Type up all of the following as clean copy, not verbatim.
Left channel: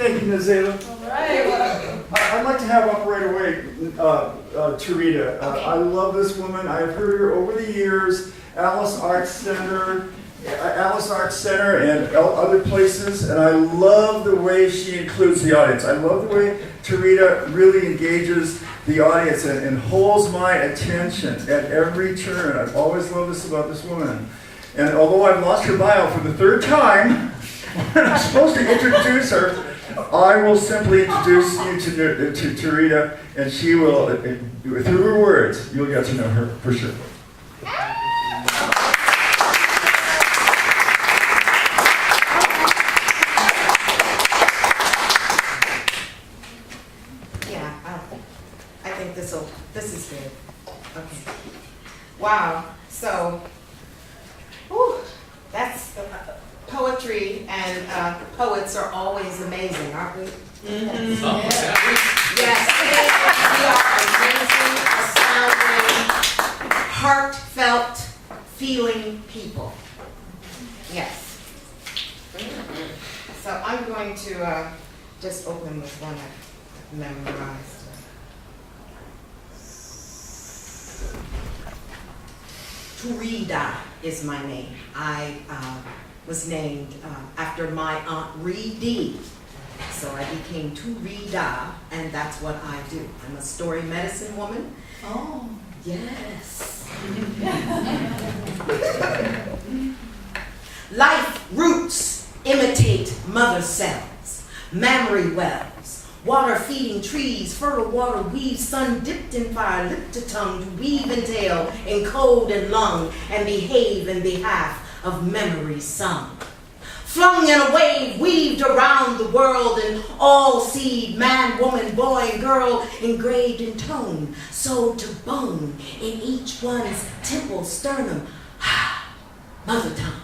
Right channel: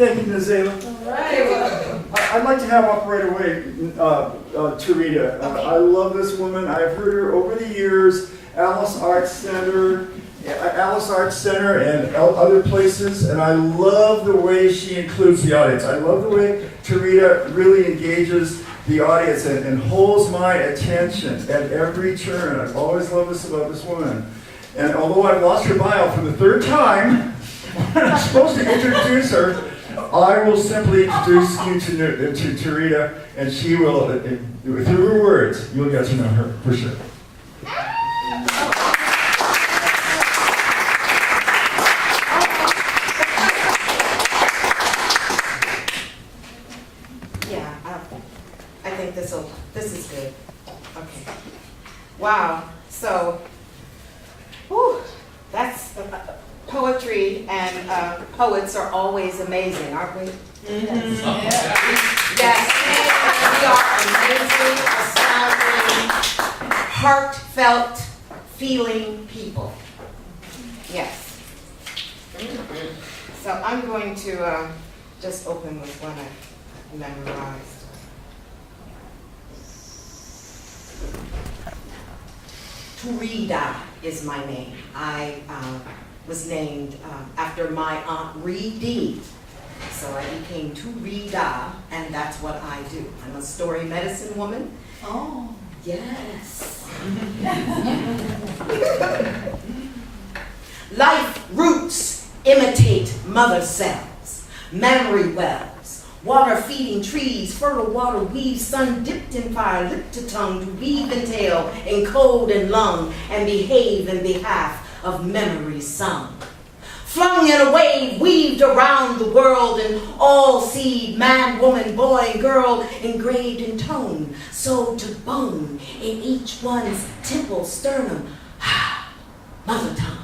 Thank you, Nazela. All right. I'd like to have up right away Tarita. I love this woman. I've heard her over the years, Alice Arts Center and other places, and I love the way she includes the audience. I love the way Tarita really engages the audience and holds my attention at every turn. I've always loved this about this woman. And although I've lost her bio for the third time, when I'm supposed to introduce her, I will simply introduce you to Tarita, and she will, through her words, you'll get to know her for sure. Yeah, I think this is good. Okay. Wow. So, that's poetry and poets are always amazing, aren't we? Mm-hmm. Yes. We are amazing, astounding, heartfelt, feeling people. Yes. So I'm going to just open with one I memorized. Turida is my name. I was named after my Aunt Reedy. So I became Turida, and that's what I do. I'm a story medicine woman. Oh. Yes. Life roots imitate mother cells, mammary wells, water-feeding trees, fertile water weaves, sun dipped in fire, lip to tongue, to weave and tail, encode and lung, and behave in behalf of memory sung. Flung in a wave, weaved around the world, and all seed, man, woman, boy, and girl, engraved in tone, sewed to bone, in each one's temple, sternum, mother tongue.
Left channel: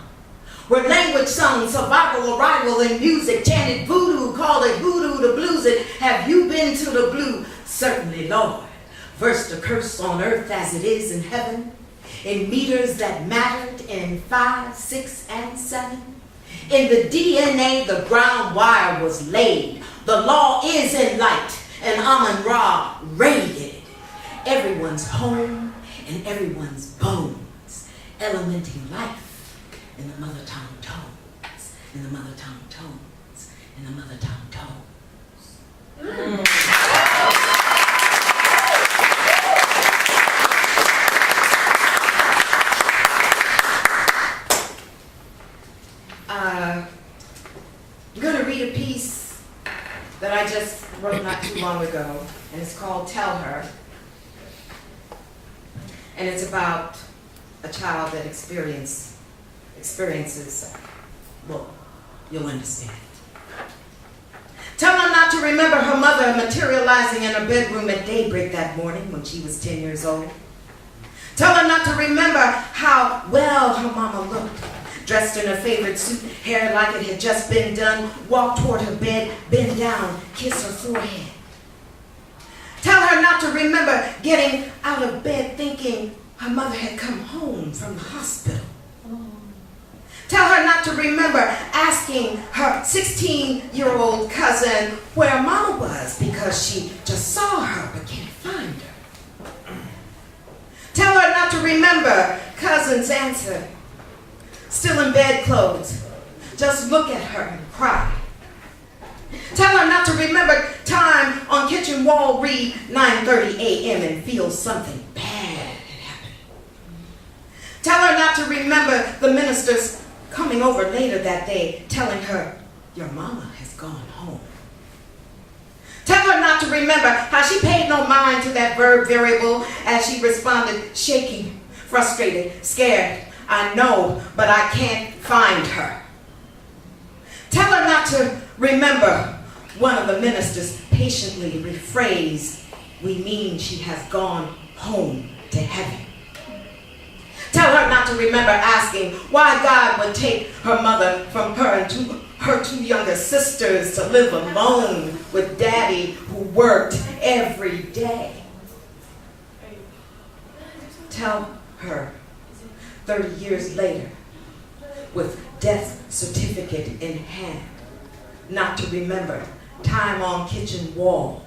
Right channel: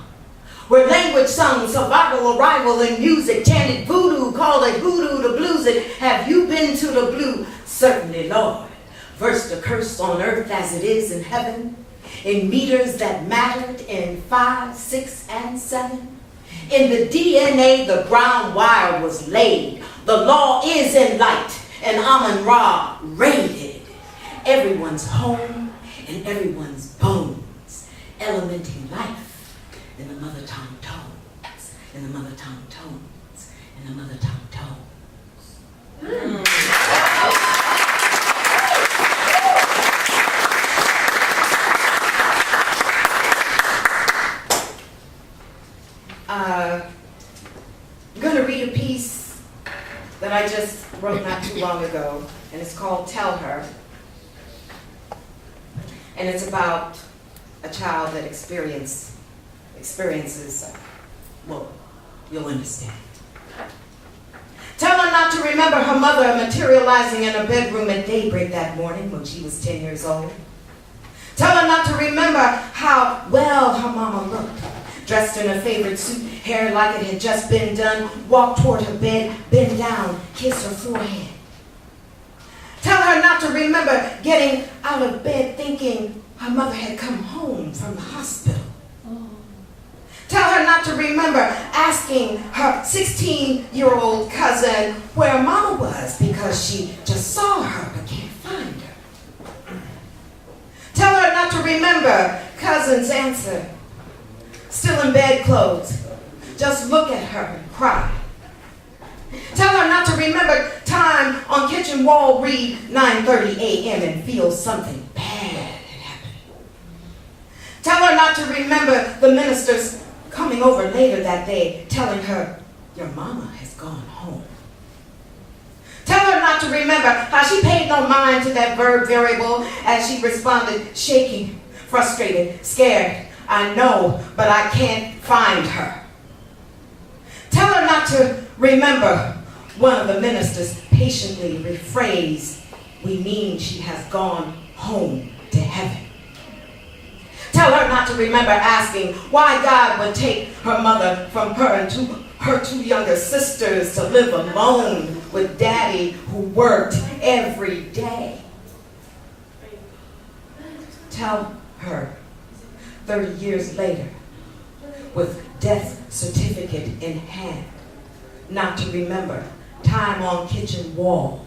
Where language sung, survival, arrival in music, chanted voodoo, called it voodoo to blues it. Have you been to the blue? Certainly, Lord. Versed a curse on earth as it is in heaven, in meters that mattered in 5, 6, and 7. In the DNA, the ground wire was laid. The law is in light, and Amun-Ra radiated. Everyone's home and everyone's bones, elementing life. In the mother tongue tones, in the mother tongue tones, in the mother tongue tones. I'm going to read a piece that I just wrote not too long ago, and it's called Tell Her. And it's about a child that experiences, well, you'll understand. Tell her not to remember her mother materializing in her bedroom at daybreak that morning when she was 10 years old. Tell her not to remember how well her mama looked, dressed in her favorite suit, hair like it had just been done, walk toward her bed, bend down, kiss her forehead. Tell her not to remember getting out of bed thinking her mother had come home from the hospital. Tell her not to remember asking her 16-year-old cousin where Mama was because she just saw her but can't find her. Tell her not to remember cousin's answer, still in bedclothes, just look at her and cry. Tell her not to remember time on kitchen wall read 9:30 a.m. and feel something bad had happened. Tell her not to remember the minister's coming over later that day, telling her, your mama has gone home. Tell her not to remember how she paid no mind to that verb variable as she responded, shaking, frustrated, scared. I know, but I can't find her. Tell her not to remember one of the ministers patiently rephrased, we mean she has gone home to heaven. Tell her not to remember asking why God would take her mother from her and her two younger sisters to live alone with Daddy who worked every day. Tell her 30 years later, with death certificate in hand, not to remember Time on kitchen wall,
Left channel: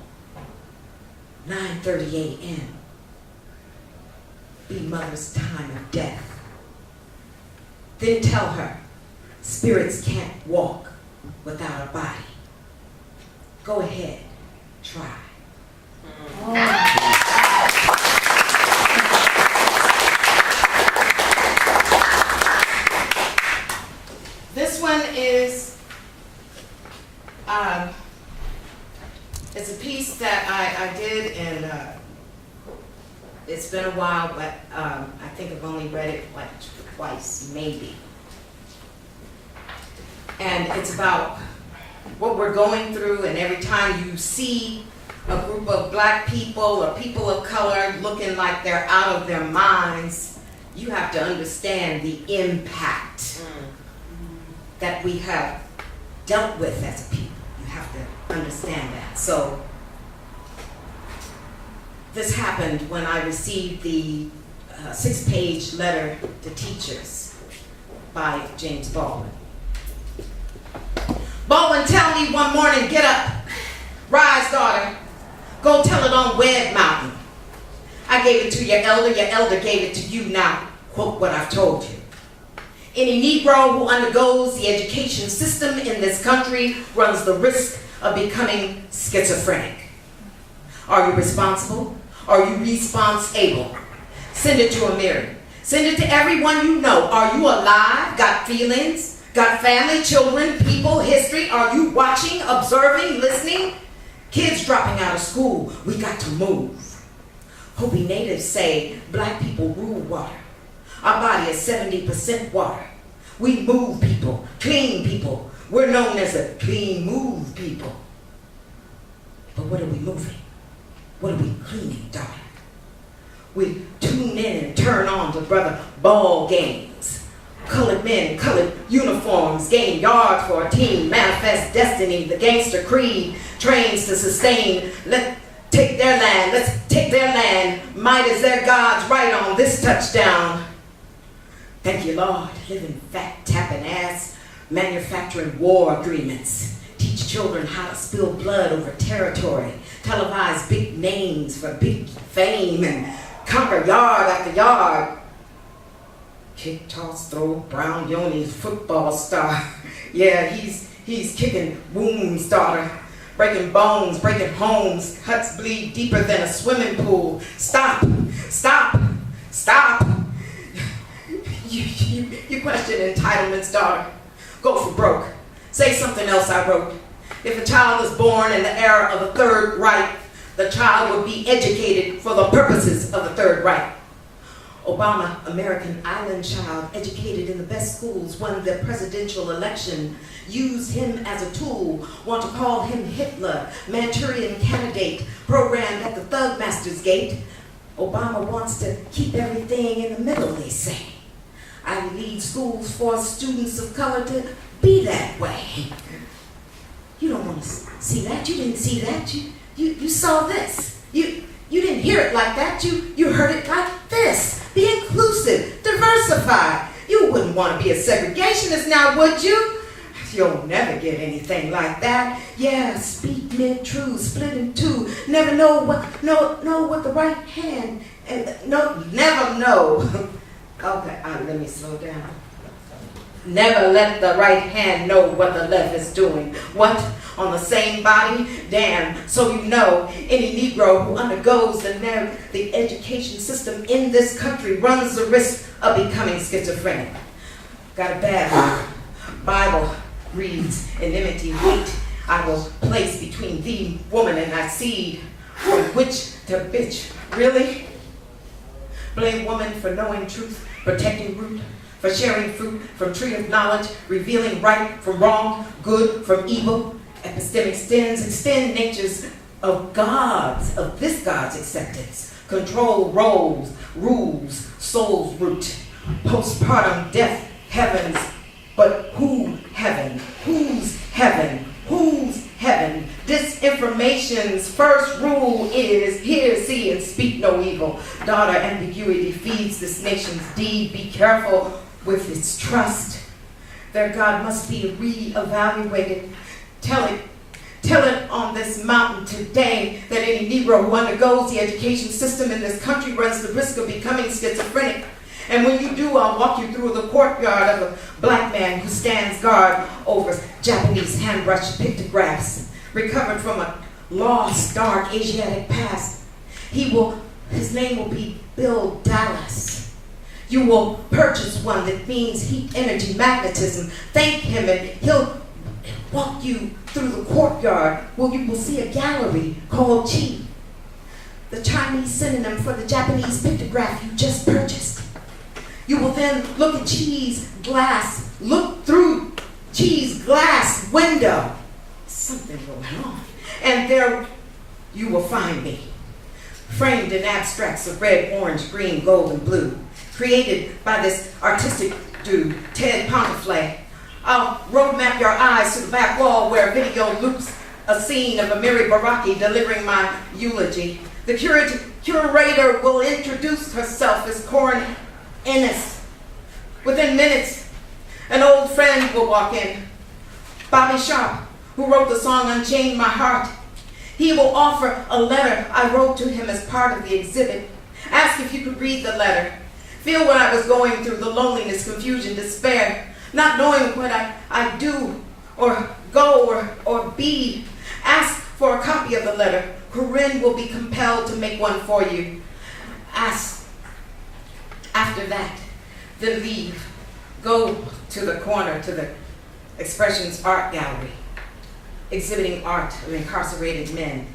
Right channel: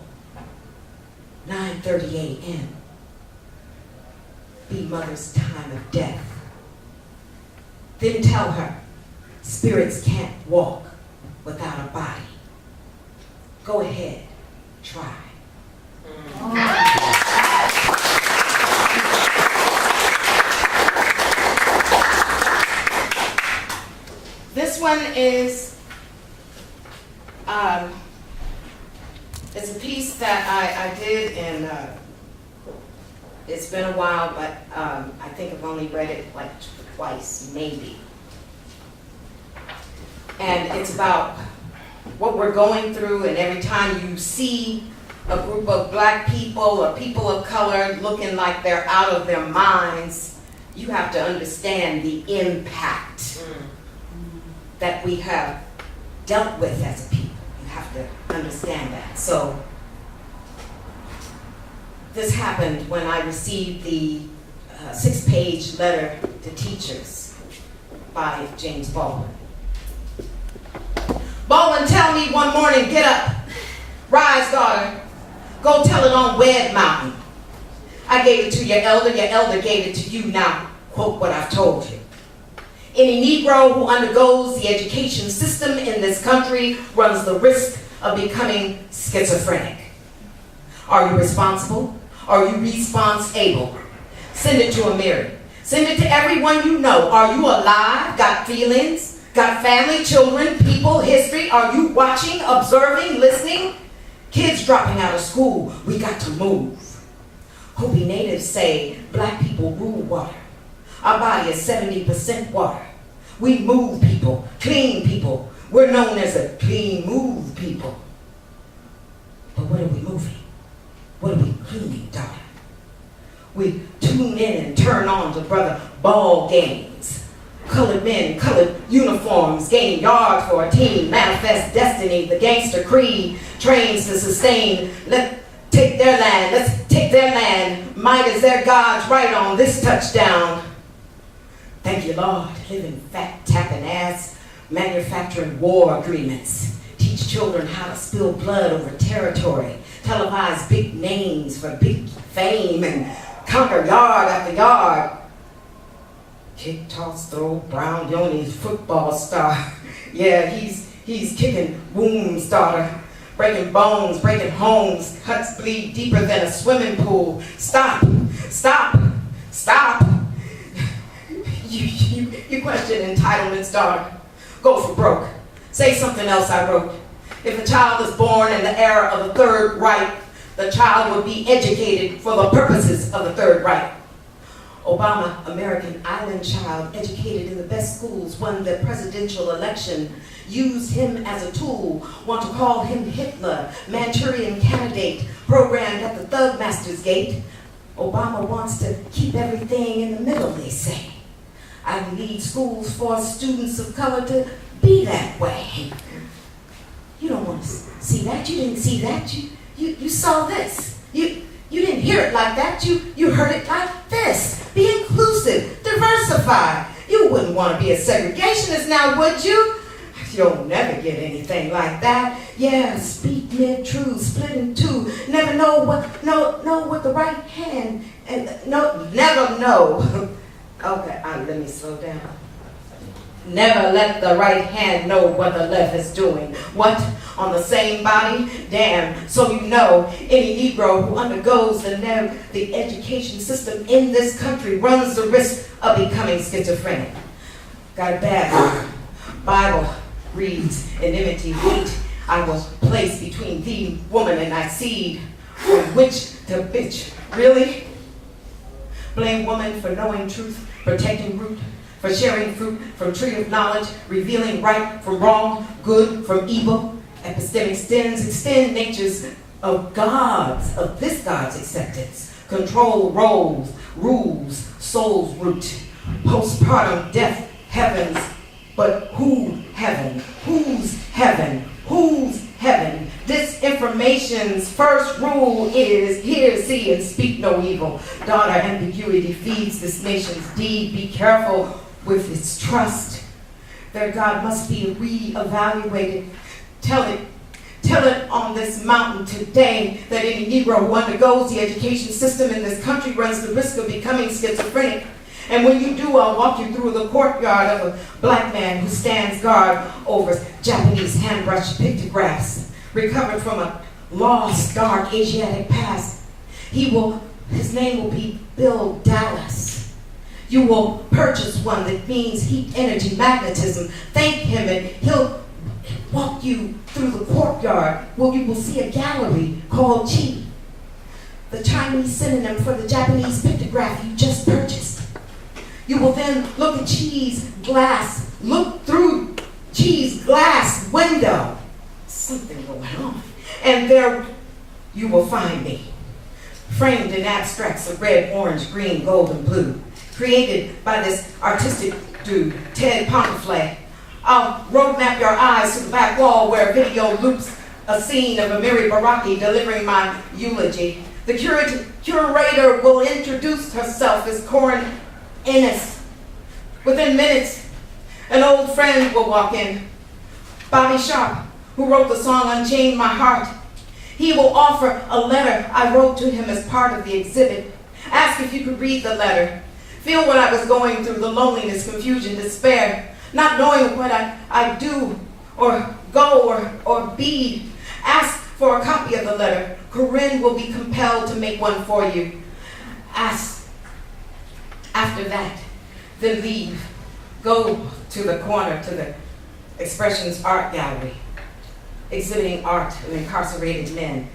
9:30 a.m. Be mother's time of death. Then tell her, spirits can't walk without a body. Go ahead, try. This one is, it's a piece that I did, and it's been a while, but I think I've only read it like twice, maybe. And it's about what we're going through, and every time you see a group of black people or people of color looking like they're out of their minds, you have to understand the impact that we have dealt with as people. You have to understand that. So this happened when I received the 6-page letter to teachers by James Baldwin. Baldwin, tell me one morning, get up, rise, daughter, go tell it on Wed Mountain. I gave it to your elder gave it to you. Now, quote what I've told you. Any Negro who undergoes the education system in this country runs the risk of becoming schizophrenic. Are you responsible? Are you response-able? Send it to Amiri. Send it to everyone you know. Are you alive? Got feelings? Got family, children, people, history? Are you watching, observing, listening? Kids dropping out of school. We got to move. Hopi natives say black people rule water. Our body is 70% water. We move people, clean people. We're known as a clean move people. But what are we moving? What are we cleaning, daughter? We tune in and turn on to brother ball games. Colored men in colored uniforms gain yards for a team, manifest destiny, the gangster creed, trains to sustain. Let's take their land. Might is their God's right on this touchdown. Thank you, Lord. Living fat, tapping ass, manufacturing war agreements. Teach children how to spill blood over territory. Televise big names for big fame and conquer yard after yard. Kick, toss, throw, Brown Yoni's football star. Yeah, he's kicking wounds, daughter. Breaking bones, breaking homes. Cuts bleed deeper than a swimming pool. Stop. You question entitlements, daughter. Go for broke. Say something else I wrote. If a child is born in the era of the Third Reich, the child will be educated for the purposes of the Third Reich. Obama, American island child, educated in the best schools, won the presidential election, used him as a tool, want to call him Hitler, Manchurian candidate, programmed at the Thug Master's gate. Obama wants to keep everything in the middle, they say. I lead schools for students of color to be that way. You don't want to see that. You didn't see that. You saw this. You didn't hear it like that. You heard it like this. Be inclusive. Diversify. You wouldn't want to be a segregationist now, would you? You'll never get anything like that. Yeah, speak mid-truth, split in two. Never know what the right hand, never know. Okay, let me slow down. Never let the right hand know what the left is doing. What? On the same body? Damn. So you know, any Negro who undergoes the education system in this country runs the risk of becoming schizophrenic. Got a bad one. Bible reads, enmity, hate, I will place between thee, woman, and thy seed. From witch to bitch. Really? Blame woman for knowing truth, protecting root, for sharing fruit from tree of knowledge, revealing right from wrong, good from evil. Epistemic extend natures of this God's acceptance. Control roles, rules, soul's root. Postpartum death, heavens. But who heaven? Whose heaven? Whose heaven? Disinformation's first rule is hear, see, and speak no evil. Daughter, ambiguity feeds this nation's deed. Be careful with its trust. Their God must be reevaluated. Tell Tell it on this mountain today that any Negro who undergoes the education system in this country runs the risk of becoming schizophrenic. And when you do, I'll walk you through the courtyard of a black man who stands guard over Japanese hand-brushed pictographs, recovered from a lost, dark Asiatic past. His name will be Bill Dallas. You will purchase one that means heat, energy, magnetism. Thank him, and he'll walk you through the courtyard where you will see a gallery called Chi, the Chinese synonym for the Japanese pictograph you just purchased. You will then look through Chi's glass window. Something going on. And there you will find me, framed in abstracts of red, orange, green, gold, and blue, created by this artistic dude, Ted Ponteflay. I'll roadmap your eyes to the back wall where a video loops a scene of Amiri Baraki delivering my eulogy. The curator will introduce herself as Corin Ennis. Within minutes, an old friend will walk in, Bobby Sharp, who wrote the song Unchain My Heart. He will offer a letter I wrote to him as part of the exhibit. Ask if you could read the letter. Feel what I was going through, the loneliness, confusion, despair, not knowing what I do or go or be. Ask for a copy of the letter. Corinne will be compelled to make one for you. Ask. After that, then leave. Go to the corner, to the Expressions Art Gallery, exhibiting art of incarcerated men.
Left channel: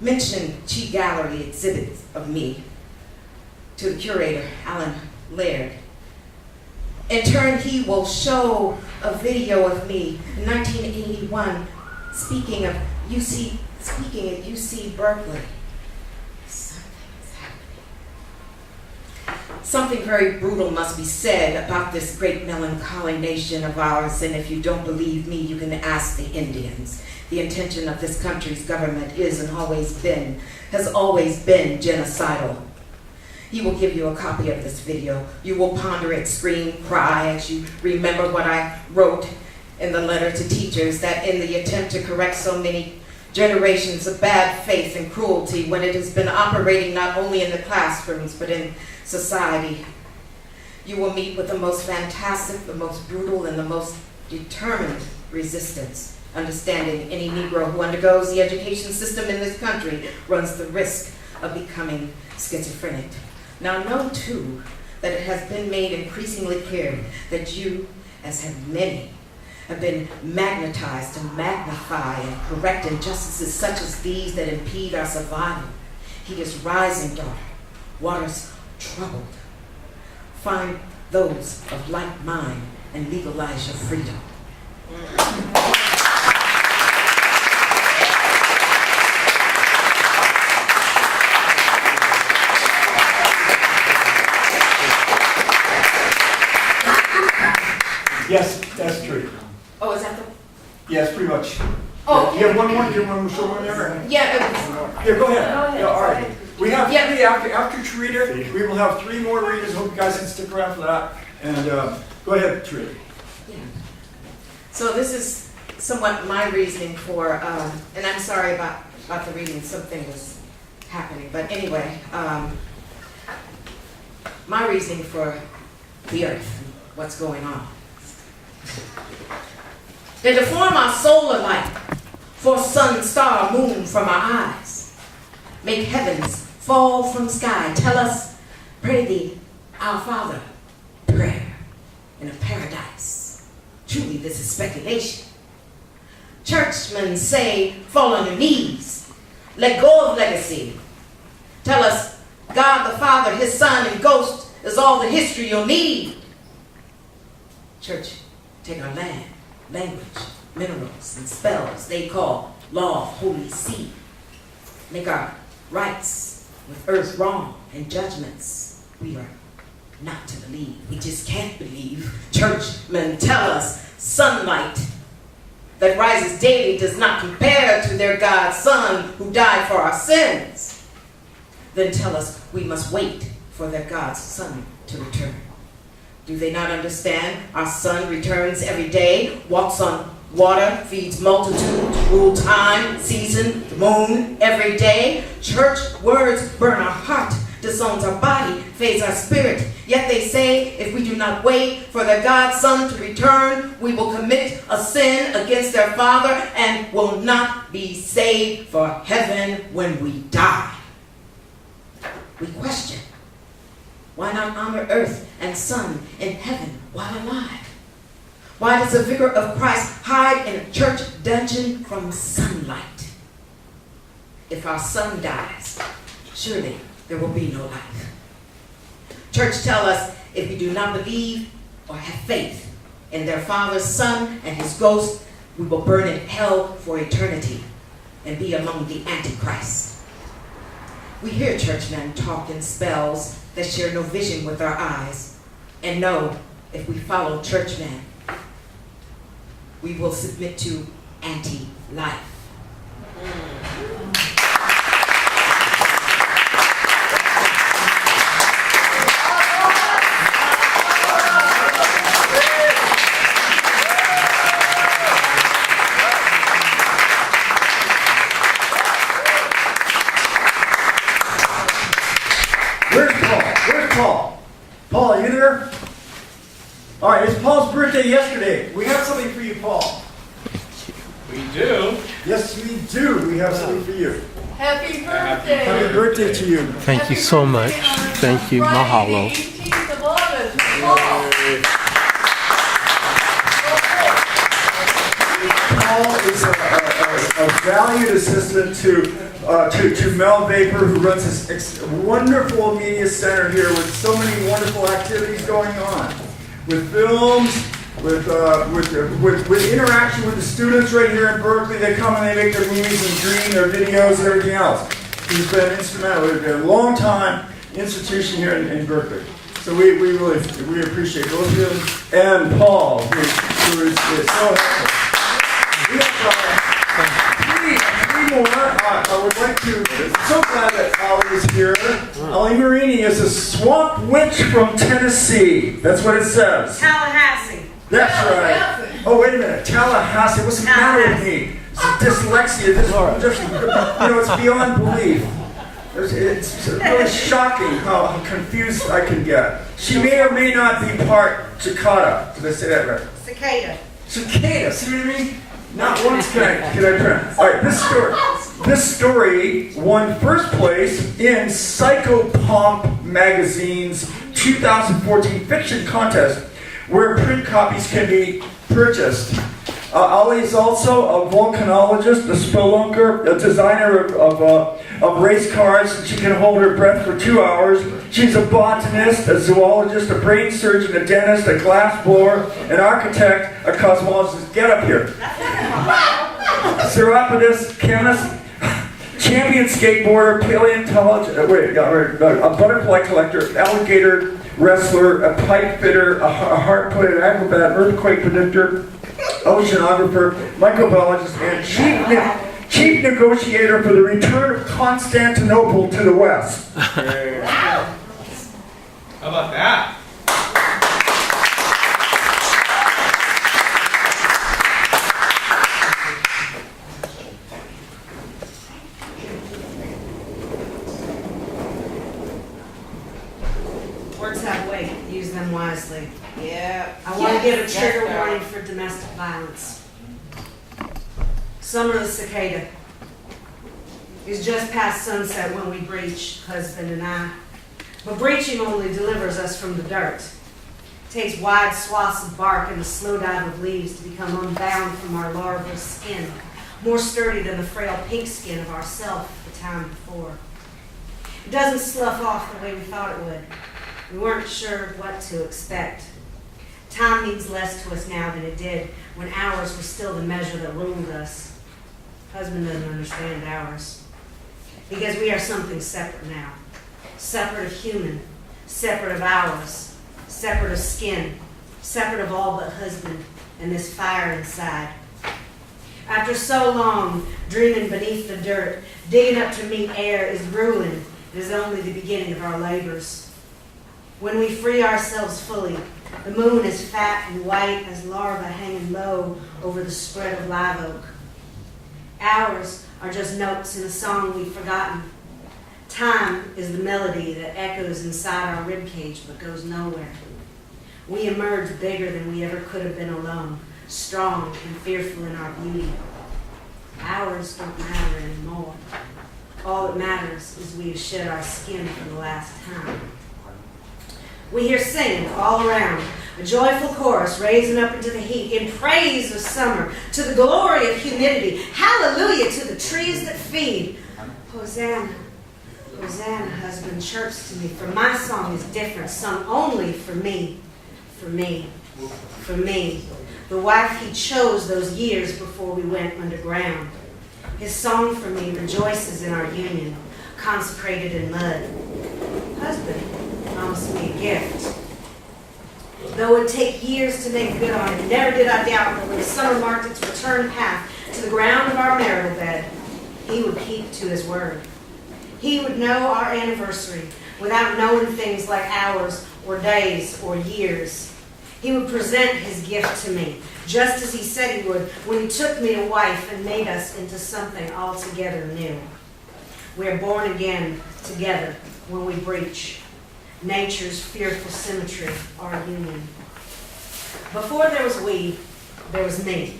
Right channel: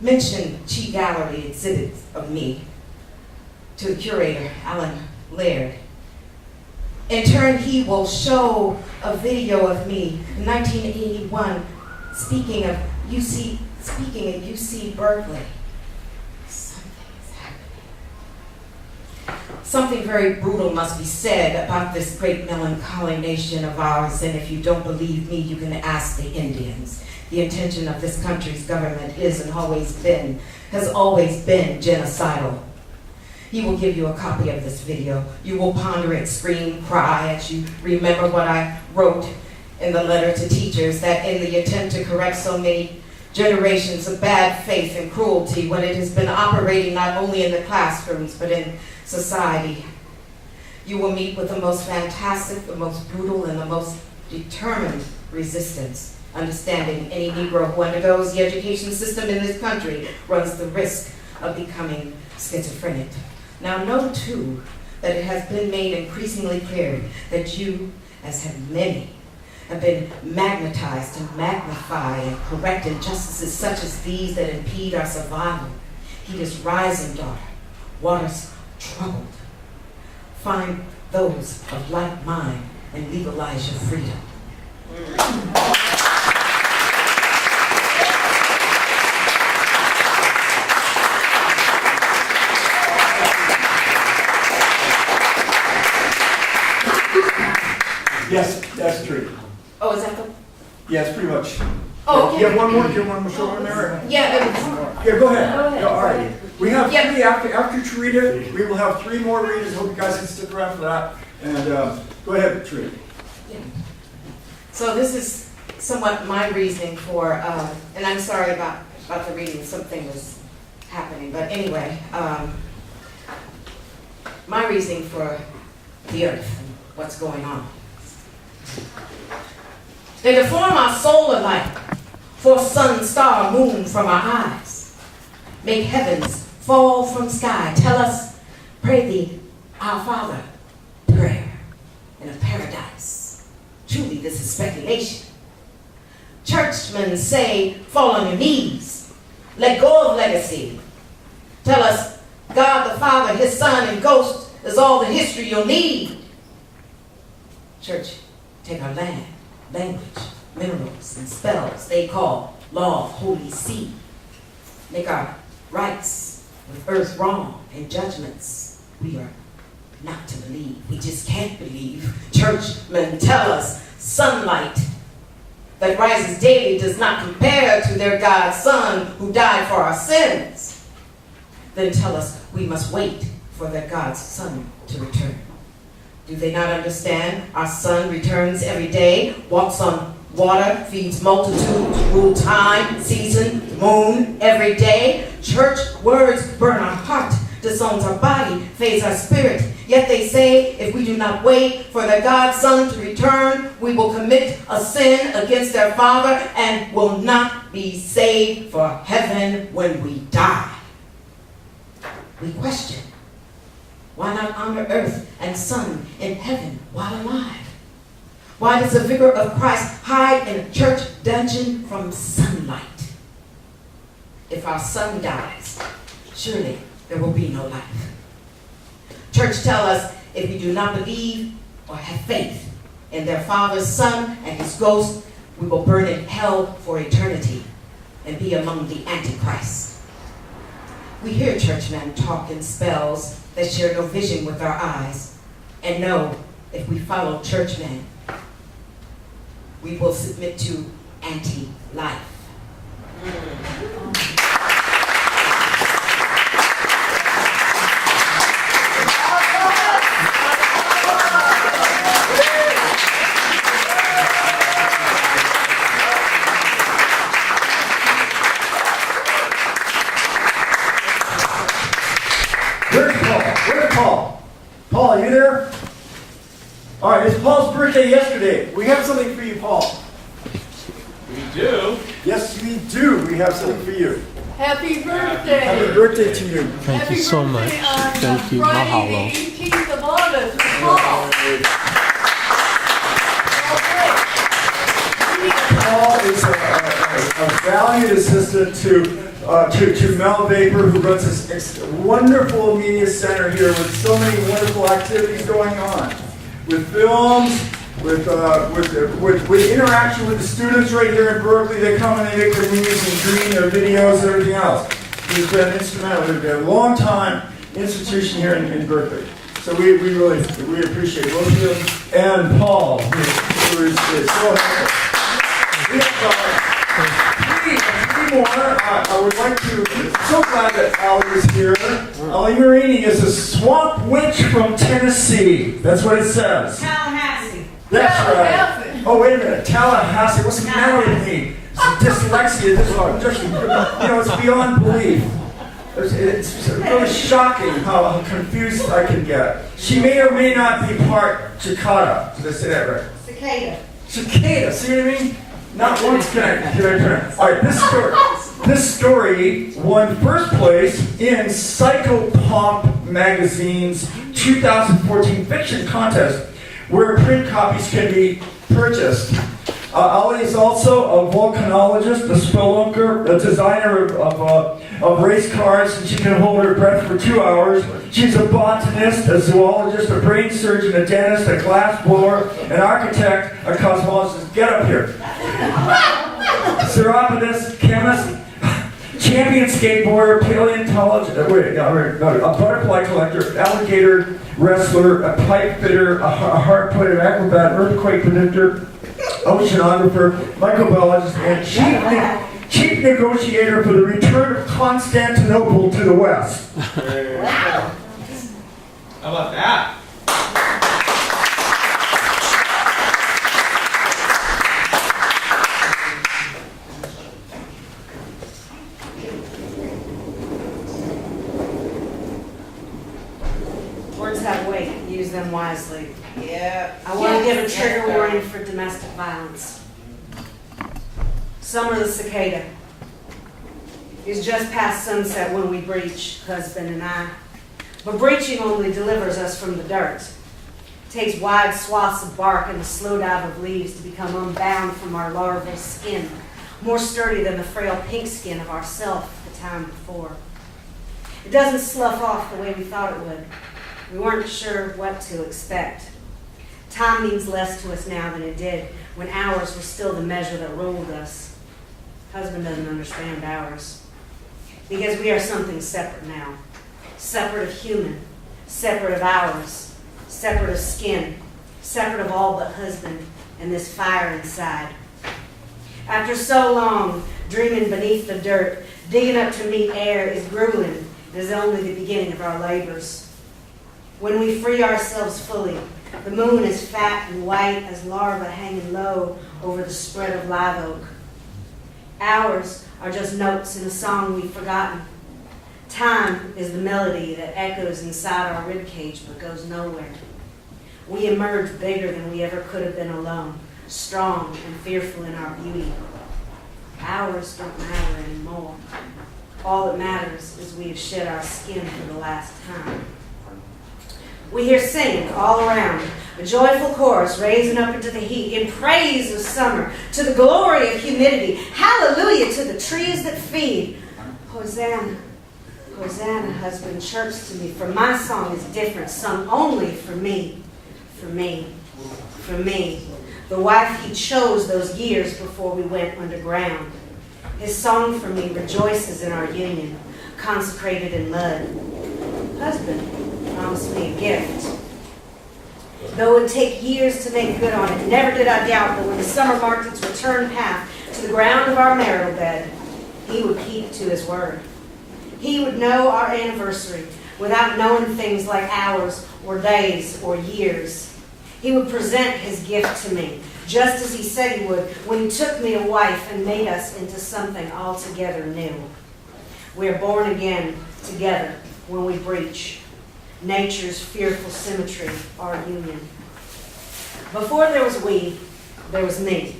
Mention Chi Gallery exhibits of me to the curator, Alan Laird. In turn, he will show a video of me in 1981 speaking at UC Berkeley. Something very brutal must be said about this great melancholy nation of ours, and if you don't believe me, you can ask the Indians. The intention of this country's government has always been genocidal. He will give you a copy of this video. You will ponder it, scream, cry as you remember what I wrote in the letter to teachers, that in the attempt to correct so many generations of bad faith and cruelty, when it has been operating not only in the classrooms but in society, you will meet with the most fantastic, the most brutal, and the most determined resistance, understanding any Negro who undergoes the education system in this country runs the risk of becoming schizophrenic. Now know, too, that it has been made increasingly clear that you, as have many, have been magnetized to magnify and correct injustices such as these that impede our survival. Heat is rising, daughter. Water's troubled. Find those of like mind and legalize your freedom. Yes, that's true. Oh, is that the... Yes, pretty much. Oh, okay. You have one more? Do you want to show one there? Yeah, it was... Here, go ahead. Go ahead. No, all right. We have three after Tarita. We will have three more readers. Hope you guys can stick around for that. And go ahead, Tarita. Yeah. So this is somewhat my reasoning for, and I'm sorry about the reading. Something was happening, but anyway, my reasoning for the earth and what's going on. They deform our solar light, force sun, star, moon from our eyes, make heavens fall from sky, tell us, pray thee, our Father, prayer in a paradise. Truly, this is speculation. Churchmen say, fall on your knees, let go of legacy. Tell us, God the Father, His Son, and Ghost is all the history you'll need. Church, take our land, language, minerals, and spells they call law, holy see. Make our rights with earth wrong and judgments we are not to believe. We just can't believe. Churchmen tell us sunlight that rises daily does not compare to their God's Son who died for our sins. Then tell us we must wait for their God's Son to return. Do they not understand? Our sun returns every day, walks on Water feeds multitudes, rule time, season, moon, every day. Church words burn our heart, disowns our body, fades our spirit. Yet they say, if we do not wait for the God's Son to return, we will commit a sin against their Father and will not be saved for heaven when we die. We question, why not honor earth and sun in heaven while alive? Why does the vicar of Christ hide in a church dungeon from sunlight? If our sun dies, surely there will be no life. Church tell us if we do not believe or have faith in their Father's Son and his ghost, we will burn in hell for eternity and be among the Antichrists. We hear churchmen talk in spells that share no vision with our eyes, and know if we follow churchmen, we will submit to anti-life. Where's Paul? Paul, are you there? All right, it's Paul's birthday yesterday. We have something for you, Paul. We do. Yes, we do. We have something for you. Happy birthday. Happy birthday to you. Thank Happy you so much. birthday on Thank you. Friday, Mahalo. the 18th of August. Paul. Paul is a valued assistant to Mel Vapor, who runs this wonderful media center here with so many wonderful activities going on, with films, with interaction with the students right here in Berkeley. They come and they make their movies and green their videos and everything else. He's been instrumental. We've been a long time institution here in Berkeley. So we really appreciate both of you and Paul, who is so helpful. We have three more. I would like to. So glad that Ali is here. Ali Marini is a swamp witch from Tennessee. That's what it says. Tallahassee. That's right. Oh, wait a minute. Tallahassee. What's the matter with me? It's dyslexia. It's beyond belief. It's really shocking how confused I can get. She may or may not be part cicada. Did I say that right? Cicada. Cicada. See what I mean? Not once can I print. All right, this story won first place in Psychopomp Magazine's 2014 fiction contest, where print copies can be purchased. Ali is also a volcanologist, a spelunker, a designer of race cars. She can hold her breath for 2 hours. She's a botanist, a zoologist, a brain surgeon, a dentist, a glass blower, an architect, a cosmologist. Get up here. Seropodist, chemist, champion skateboarder, paleontologist, a butterfly collector, alligator wrestler, a pipe fitter, a harp player, an acrobat, earthquake predictor, oceanographer, microbiologist, and chief negotiator for the return of Constantinople to the West. How about that? Words have weight. Use them wisely. Yeah. I want to give a trigger warning for domestic violence. Summer the cicada. It's just past sunset when we breach, husband and I. But breaching only delivers us from the dirt. It takes wide swaths of bark and the slow dive of leaves to become unbound from our larval skin, more sturdy than the frail pink skin of ourself the time before. It doesn't slough off the way we thought it would. We weren't sure what to expect. Time means less to us now than it did when hours were still the measure that ruled us. Husband doesn't understand ours. Because we are something separate now. Separate of human, separate of ours, separate of skin, separate of all but husband and this fire inside. After so long dreaming beneath the dirt, digging up to meet air is grueling and is only the beginning of our labors. When we free ourselves fully, The moon is fat and white as larvae hanging low over the spread of live oak. Hours are just notes in a song we've forgotten. Time is the melody that echoes inside our ribcage but goes nowhere. We emerge bigger than we ever could have been alone, strong and fearful in our beauty. Hours don't matter anymore. All that matters is we have shed our skin for the last time. We hear singing all around, a joyful chorus raising up into the heat in praise of summer, to the glory of humidity. Hallelujah to the trees that feed. Hosanna, Hosanna, husband, chirps to me, for my song is different, sung only for me, for me, for me. The wife he chose those years before we went underground. His song for me rejoices in our union, consecrated in mud. Husband promised me a gift. Though it would take years to make good on it, never did I doubt that when the summer marked its return path to the ground of our marital bed, he would keep to his word. He would know our anniversary without knowing things like hours or days or years. He would present his gift to me, just as he said he would when he took me a wife and made us into something altogether new. We are born again together when we breach nature's fearful symmetry, our union. Before there was we, there was me.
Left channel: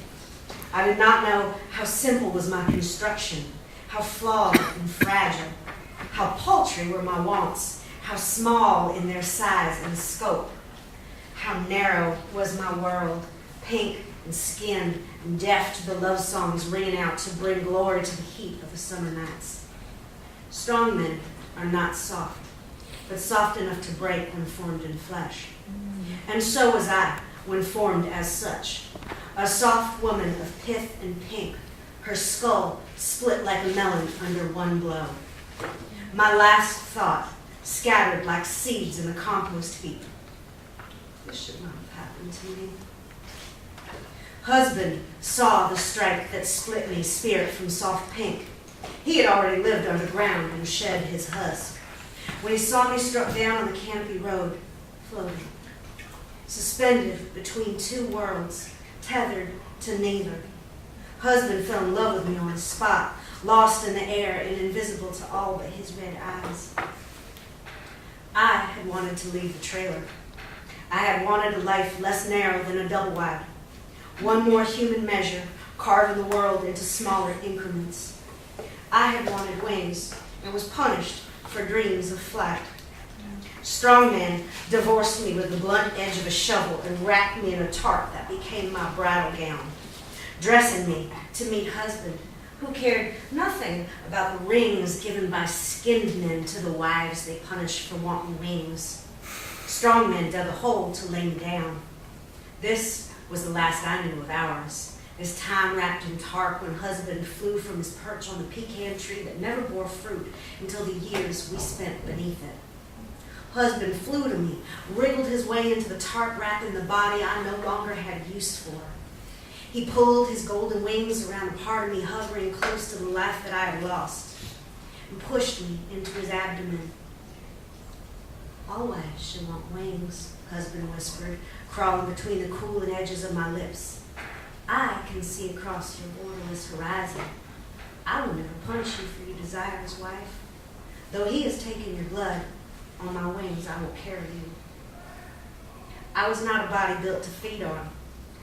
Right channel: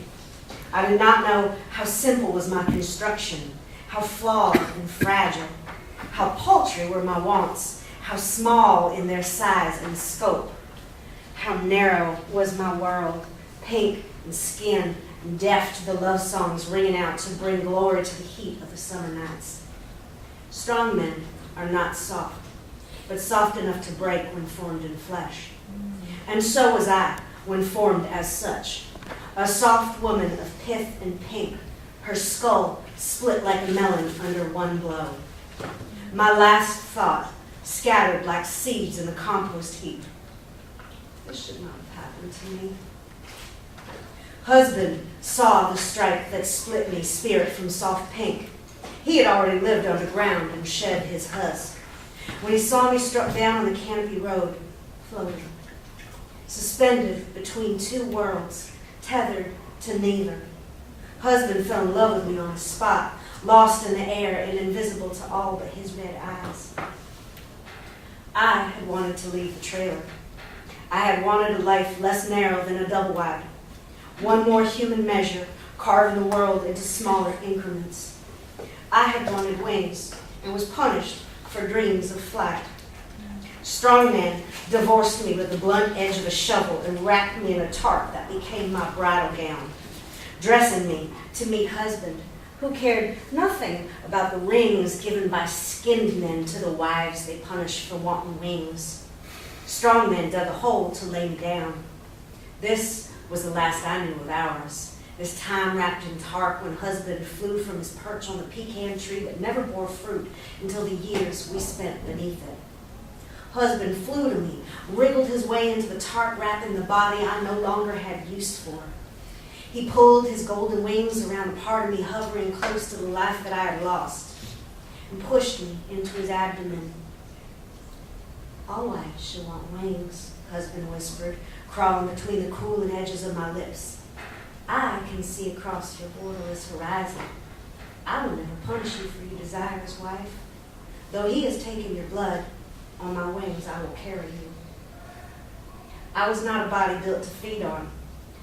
I did not know how simple was my construction, how flawed and fragile, how paltry were my wants, how small in their size and scope, how narrow was my world, pink and skinned and deaf to the love songs ringing out to bring glory to the heat of the summer nights. Strong men are not soft, but soft enough to break when formed in flesh. And so was I when formed as such, a soft woman of pith and pink, her skull split like a melon under one blow. My last thought scattered like seeds in a compost heap. This should not have happened to me. Husband saw the strike that split me spirit from soft pink. He had already lived underground and shed his husk. When he saw me struck down on the canopy road, floating, suspended between two worlds, tethered to neither. Husband fell in love with me on the spot, lost in the air and invisible to all but his red eyes. I had wanted to leave the trailer. I had wanted a life less narrow than a double wide. One more human measure, carving the world into smaller increments. I had wanted wings and was punished for dreams of flight. Strongman divorced me with the blunt edge of a shovel and wrapped me in a tarp that became my bridal gown, dressing me to meet husband, who cared nothing about the rings given by skinned men to the wives they punished for wanting wings. Strongman dug a hole to lay me down. This was the last I knew of ours. This time wrapped in tarp when husband flew from his perch on the pecan tree that never bore fruit until the years we spent beneath it. Husband flew to me, wriggled his way into the tarp wrapping the body I no longer had use for. He pulled his golden wings around a part of me hovering close to the life that I had lost and pushed me into his abdomen. All wives should want wings, husband whispered, crawling between the cooling edges of my lips. I can see across your borderless horizon. I will never punish you for your desires, wife. Though he has taken your blood, on my wings I will carry you. I was not a body built to feed on.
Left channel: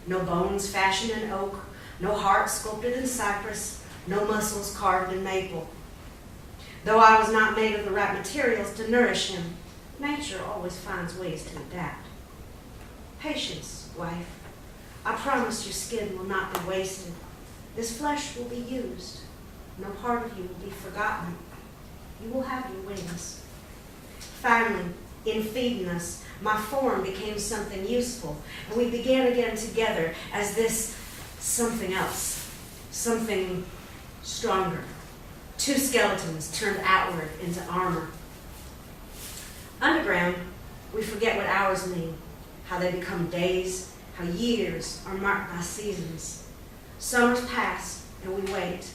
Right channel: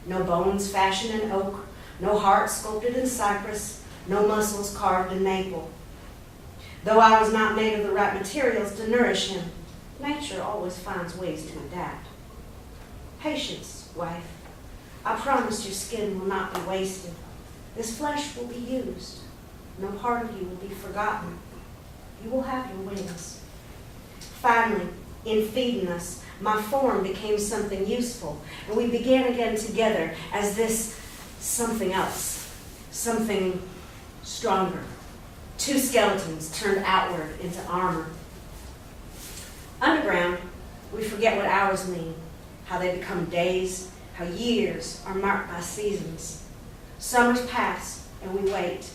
No bones fashioned in oak, no heart sculpted in cypress, no muscles carved in maple. Though I was not made of the right materials to nourish him, nature always finds ways to adapt. Patience, wife. I promise your skin will not be wasted. This flesh will be used. No part of you will be forgotten. You will have your wings. Finally, in feeding us, my form became something useful, and we began again together as this something else, something stronger. Two skeletons turned outward into armor. Underground, we forget what hours mean, how they become days, how years are marked by seasons. Summers pass, and we wait.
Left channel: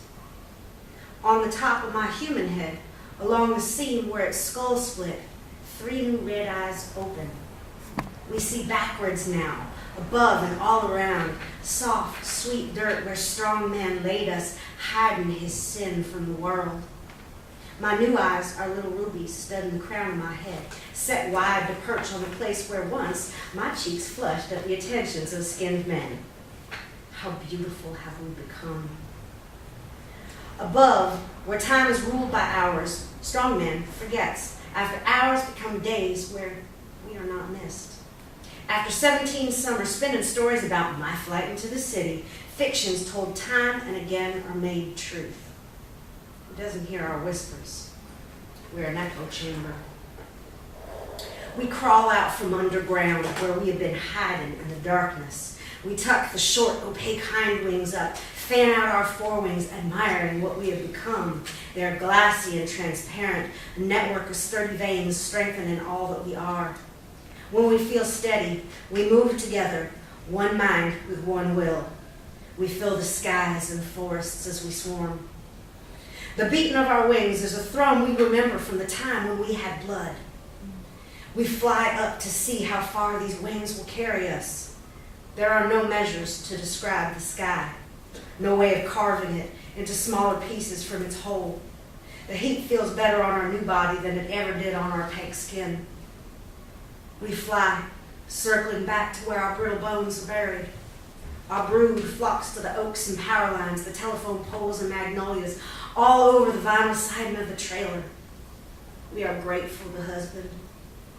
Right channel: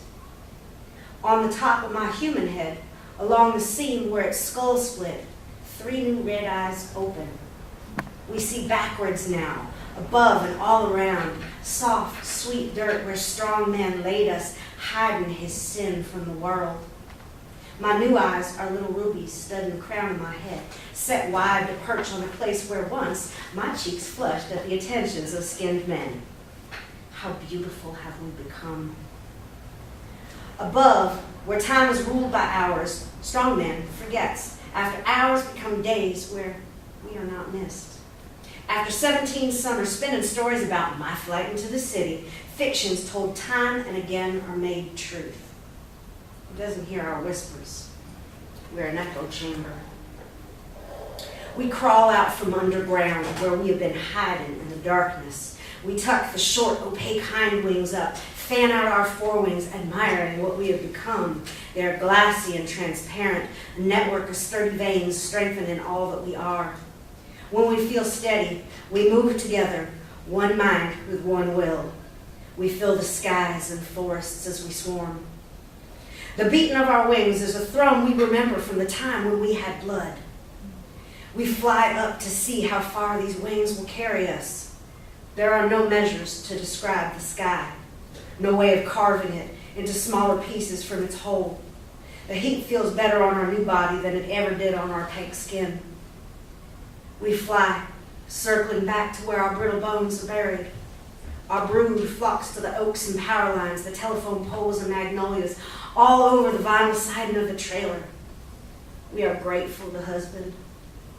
On the top of my human head, along the seam where its skull split, 3 new red eyes open. We see backwards now, above and all around, soft, sweet dirt where strong man laid us, hiding his sin from the world. My new eyes are little rubies studding the crown of my head, set wide to perch on the place where once my cheeks flushed at the attentions of skinned men. How beautiful have we become. Above, where time is ruled by hours, strong man forgets. After hours become days where we are not missed. After 17 summers spent in stories about my flight into the city, fictions told time and again are made truth. He doesn't hear our whispers. We're an echo chamber. We crawl out from underground where we have been hiding in the darkness. We tuck the short, opaque hind wings up, fan out our forewings, admiring what we have become. They are glassy and transparent, a network of sturdy veins strengthening all that we are. When we feel steady, we move together, one mind with one will. We fill the skies and forests as we swarm. The beating of our wings is a thrum we remember from the time when we had blood. We fly up to see how far these wings will carry us. There are no measures to describe the sky, no way of carving it into smaller pieces from its whole. The heat feels better on our new body than it ever did on our pink skin. We fly, circling back to where our brittle bones are buried. Our brood flocks to the oaks and power lines, the telephone poles and magnolias, all over the vinyl siding of the trailer. We are grateful to husband.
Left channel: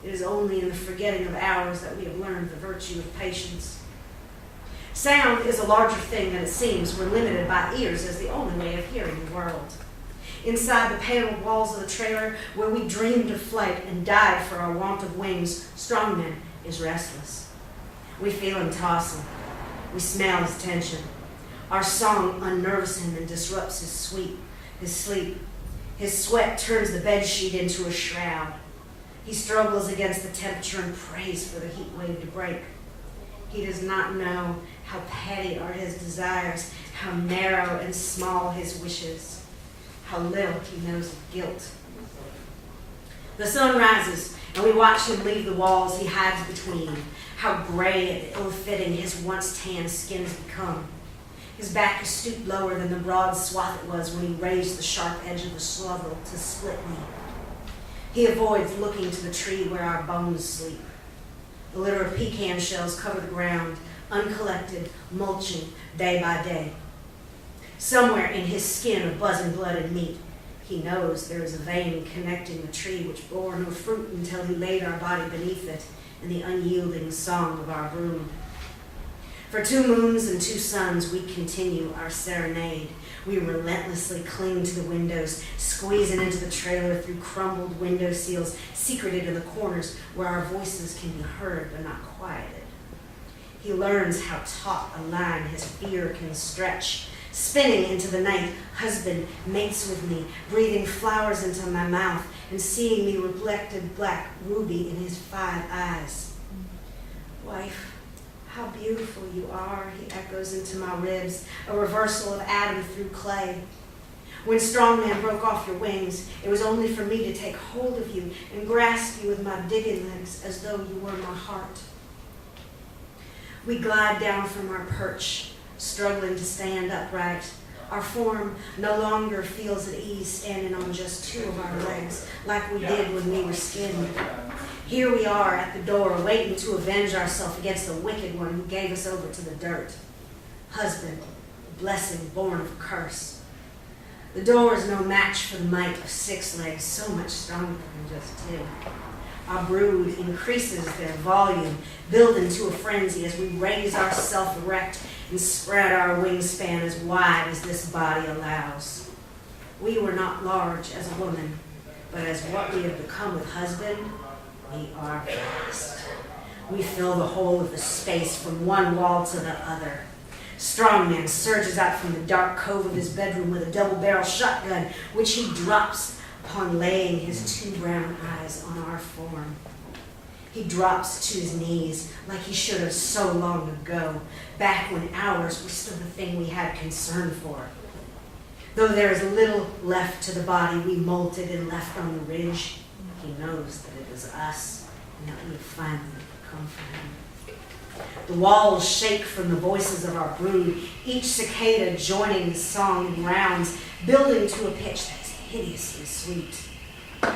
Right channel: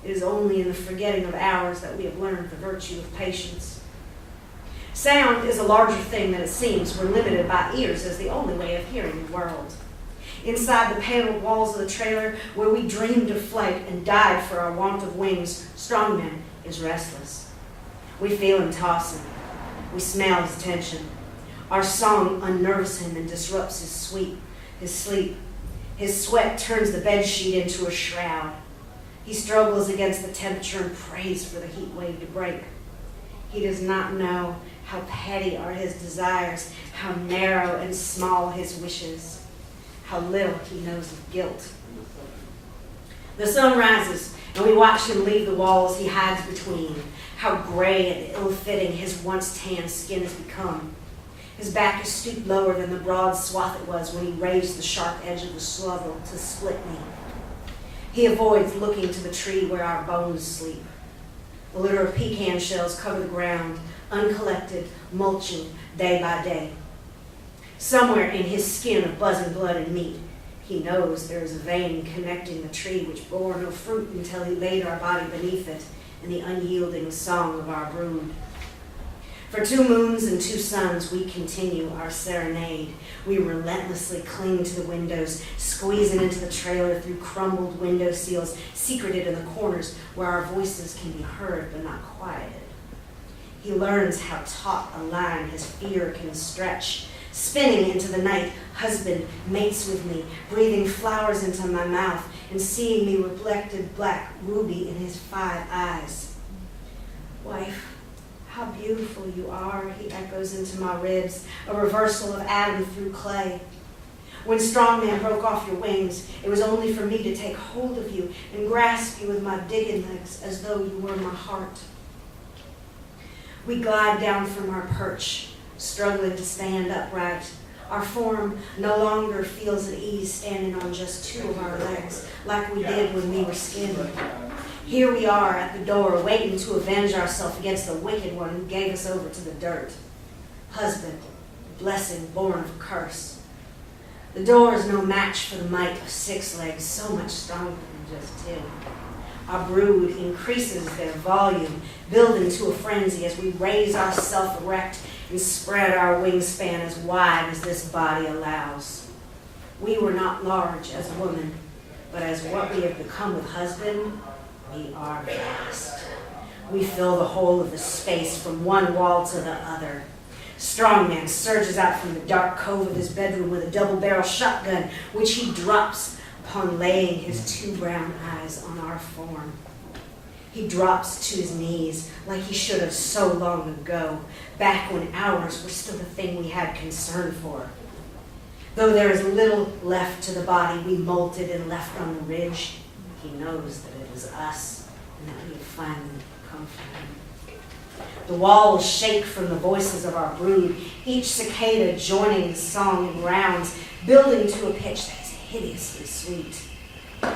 It is only in the forgetting of hours that we have learned the virtue of patience. Sound is a larger thing than it seems when limited by ears as the only way of hearing the world. Inside the paneled walls of the trailer, where we dreamed of flight and died for our want of wings, Strongman is restless. We feel him tossing. We smell his tension. Our song unnerves him and disrupts his sleep. His sweat turns the bedsheet into a shroud. He struggles against the temperature and prays for the heat wave to break. He does not know how petty are his desires, how narrow and small his wishes, how little he knows of guilt. The sun rises, and we watch him leave the walls he hides between. How gray and ill-fitting his once tan skin has become. His back is stooped lower than the broad swath it was when he raised the sharp edge of the shovel to split me. He avoids looking to the tree where our bones sleep. The litter of pecan shells cover the ground, uncollected, mulching day by day. Somewhere in his skin of buzzing blood and meat, he knows there is a vein connecting the tree which bore no fruit until he laid our body beneath it in the unyielding song of our brood. For 2 moons and 2 suns, we continue our serenade. We relentlessly cling to the windows, squeezing into the trailer through crumbled window seals, secreted in the corners where our voices can be heard but not quieted. He learns how taut a line his fear can stretch. Spinning into the night, husband mates with me, breathing flowers into my mouth and seeing me reflected black ruby in his 5 eyes. Wife, how beautiful you are, he echoes into my ribs, a reversal of Adam through clay. When Strongman broke off your wings, it was only for me to take hold of you and grasp you with my digging legs as though you were my heart. We glide down from our perch, struggling to stand upright. Our form no longer feels at ease standing on just 2 of our legs, like we did when we were skinned. Here we are at the door, waiting to avenge ourselves against the wicked one who gave us over to the dirt. Husband, a blessing born of curse. The door is no match for the might of 6 legs, so much stronger than just 2. Our brood increases their volume, building to a frenzy as we raise ourselves erect and spread our wingspan as wide as this body allows. We were not large as a woman, but as what we have become with husband, we are vast. We fill the whole of the space from one wall to the other. Strongman surges out from the dark cove of his bedroom with a double-barrel shotgun, which he drops upon laying his 2 brown eyes on our form. He drops to his knees like he should have so long ago, back when ours were still the thing we had concern for. Though there is little left to the body we molted and left on the ridge, he knows that it is us and that we have finally come from him. The walls shake from the voices of our brood, each cicada joining the song in rounds, building to a pitch that is hideously sweet.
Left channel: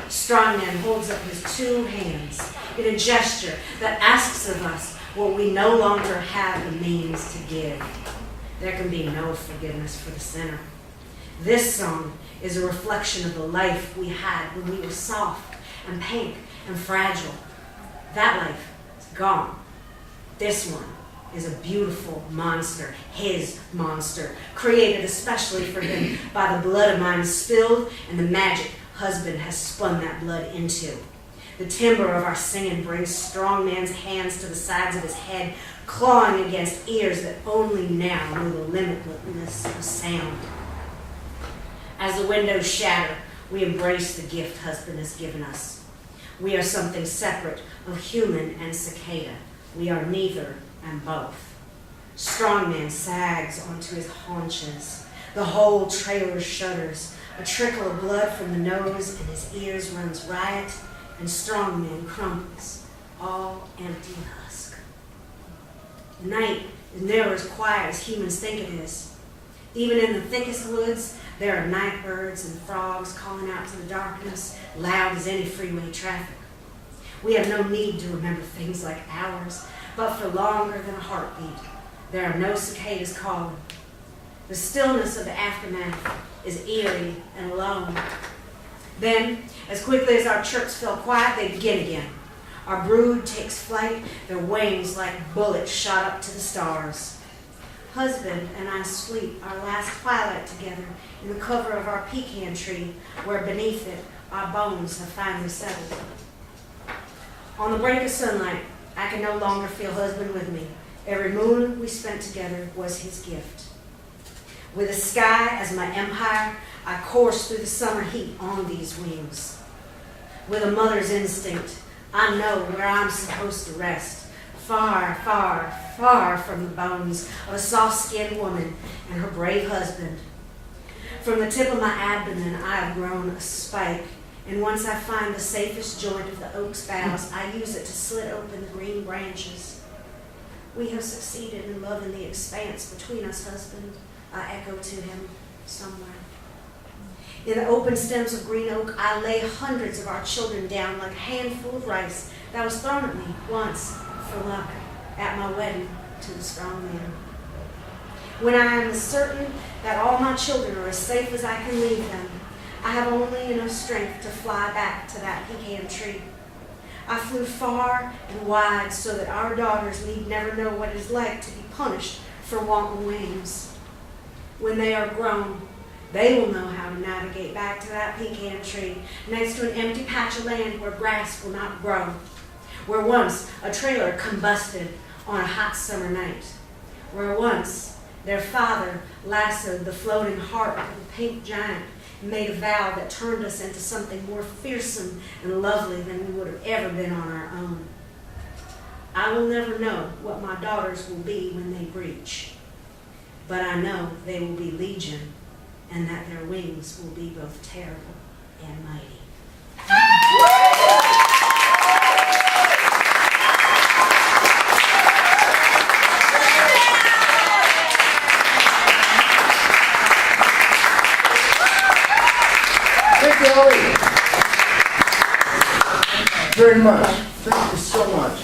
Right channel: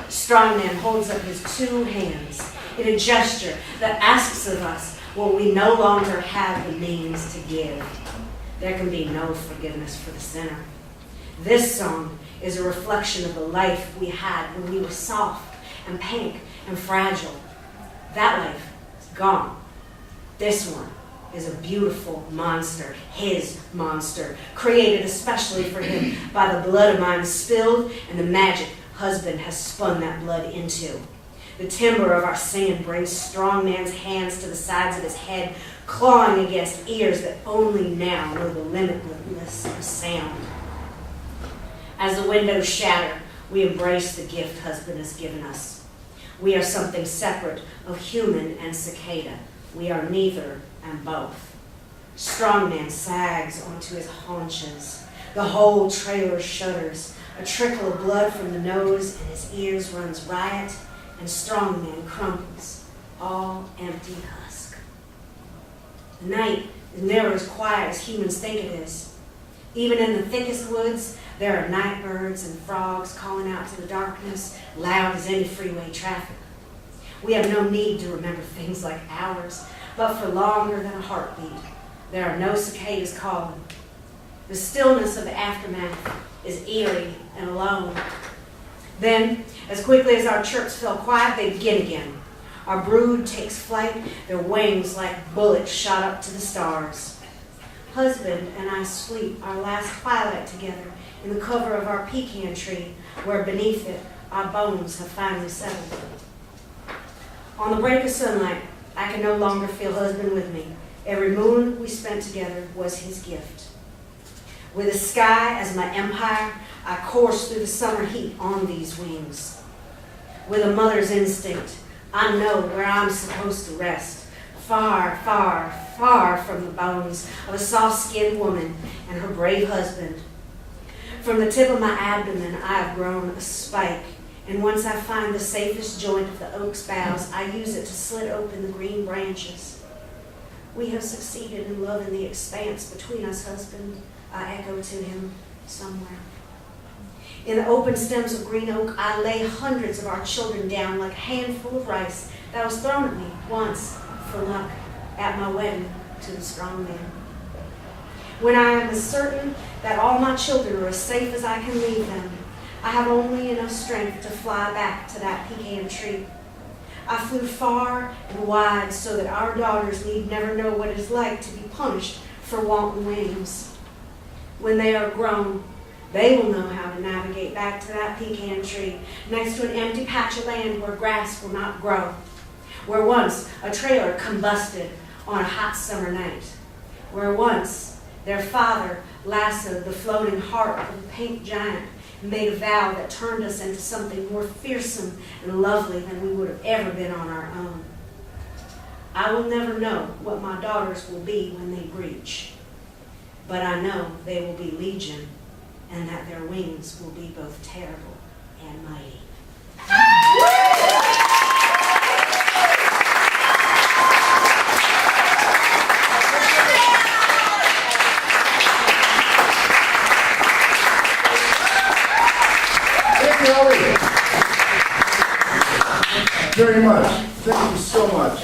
Strongman holds up his two hands in a gesture that asks of us what we no longer have the means to give. There can be no forgiveness for the sinner. This song is a reflection of the life we had when we were soft and pink and fragile. That life is gone. This one is a beautiful monster, his monster, created especially for him by the blood of mine spilled and the magic husband has spun that blood into. The timbre of our singing brings Strongman's hands to the sides of his head, clawing against ears that only now know the limitlessness of sound. As the windows shatter, we embrace the gift husband has given us. We are something separate of human and cicada. We are neither and both. Strongman sags onto his haunches. The whole trailer shudders. A trickle of blood from the nose and his ears runs riot, and Strongman crumples, all empty husk. The night is never as quiet as humans think it is. Even in the thickest woods, there are night birds and frogs calling out to the darkness, loud as any freeway traffic. We have no need to remember things like hours, but for longer than a heartbeat, there are no cicadas calling. The stillness of the aftermath is eerie and alone. Then, as quickly as our chirps fell quiet, they begin again. Our brood takes flight, their wings like bullets shot up to the stars. Husband and I sleep our last twilight together in the cover of our pecan tree, where beneath it our bones have finally settled. On the break of sunlight, I can no longer feel husband with me. Every moon we spent together was his gift. With the sky as my empire, I course through the summer heat on these wings. With a mother's instinct, I know where I'm supposed to rest, far, far, far from the bones of a soft-skinned woman and her brave husband. From the tip of my abdomen, I have grown a spike, and once I find the safest joint of the oak's boughs, I use it to slit open the green branches. We have succeeded in loving the expanse between us, husband, I echo to him somewhere. In the open stems of green oak, I lay hundreds of our children down like a handful of rice that was thrown at me once for luck at my wedding to the strong man. When I am as certain that all my children are as safe as I can leave them, I have only enough strength to fly back to that pecan tree. I flew far and wide so that our daughters need never know what it is like to be punished for wanton wings. When they are grown, they will know how to navigate back to that pecan tree next to an empty patch of land where grass will not grow, where once a trailer combusted on a hot summer night, where once their father lassoed the floating heart of a pink giant and made a vow that turned us into something more fearsome and lovely than we would have ever been on our own. I will never know what my daughters will be when they breach, but I know they will be legion, and that their wings will be both terrible and mighty. Thank you, Ellie. Very much. Thank you so much.